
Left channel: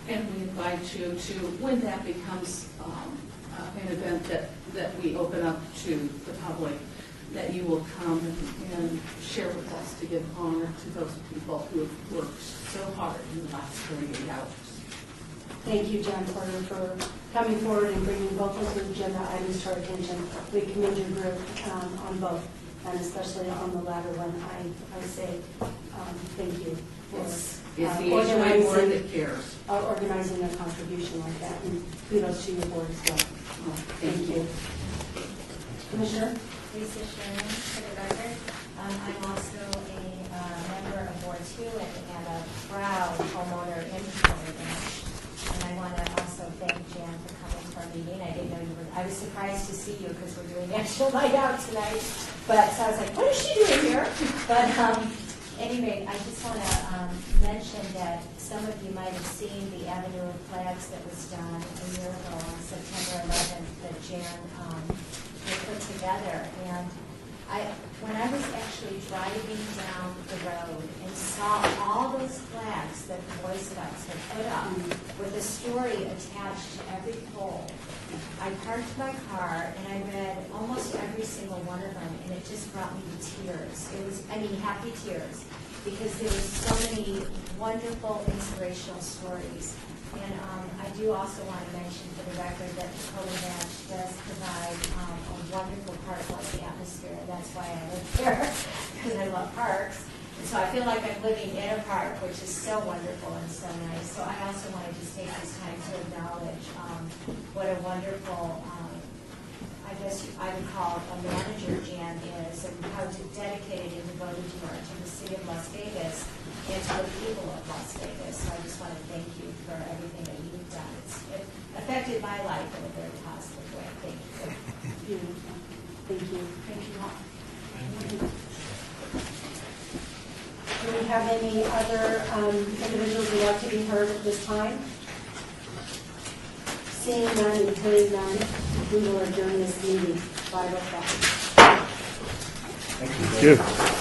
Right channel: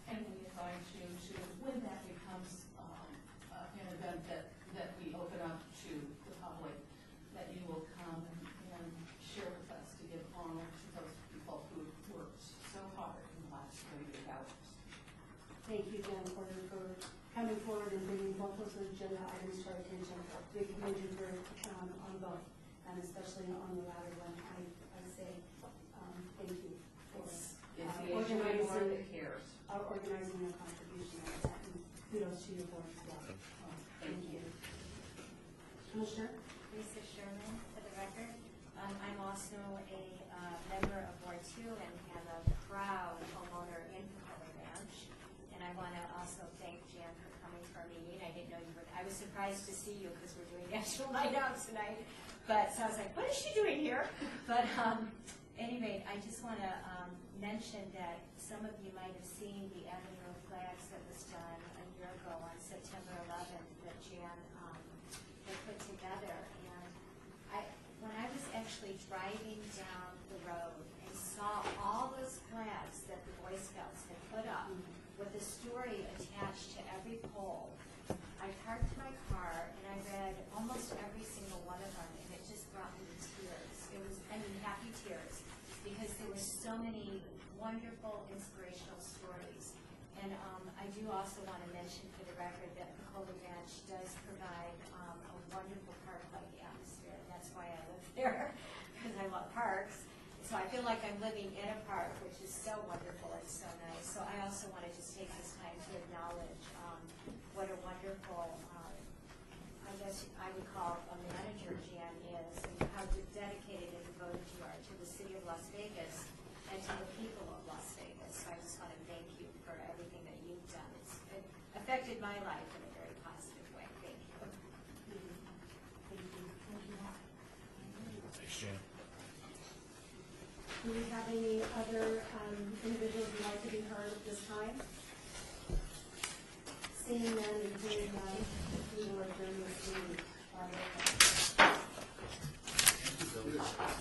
and we invite you to, when that becomes an event that we open up to the public, that you will come and share with us to give honor to those people who have worked so hard in the last 48 hours. Thank you, Jan Porter, for coming forward and bringing both of the agenda items to our attention. We commend your group on both, and especially on the latter one. I say thank you for It's the HOA board that cares. Organizing a contribution like that, and kudos to your board as well. Thank you. Commissioner? Lisa Sherman, for the record. I'm also a member of Ward 2 and a proud homeowner in Pecola Ranch. And I want to also thank Jan for coming to our meeting. I didn't know you were, I was surprised to see you because we're doing National Night Out tonight. But so I was like, what is she doing here? But anyway, I just want to mention that some of you might have seen the Avenue of Flags that was done a year ago on September 11th that Jan put together. And when I was actually driving down the road and saw all those flags that the Boy Scouts had put up with a story attached to every pole, I parked my car and I read almost every single one of them, and it just brought me to tears. It was, happy tears, because there were so many wonderful, inspirational stories. And I do also want to mention for the record that Pecola Ranch does provide a wonderful park-like atmosphere. That's why I live here, because I love parks. And so I feel like I'm living in a park, which is so wonderful and so nice. So I also want to just take this time to acknowledge what a wonderful, I guess I would call a manager Jan is, and how dedicated and devoted you are to the city of Las Vegas and to the people of Las Vegas. So I just want to thank you for everything that you've done. It affected my life in a very positive way. Thank you. Thank you. Thank you all. Do we have any other individuals who would like to be heard at this time? Seeing none and hearing none, we will adjourn this meeting. 5:05. Thank you.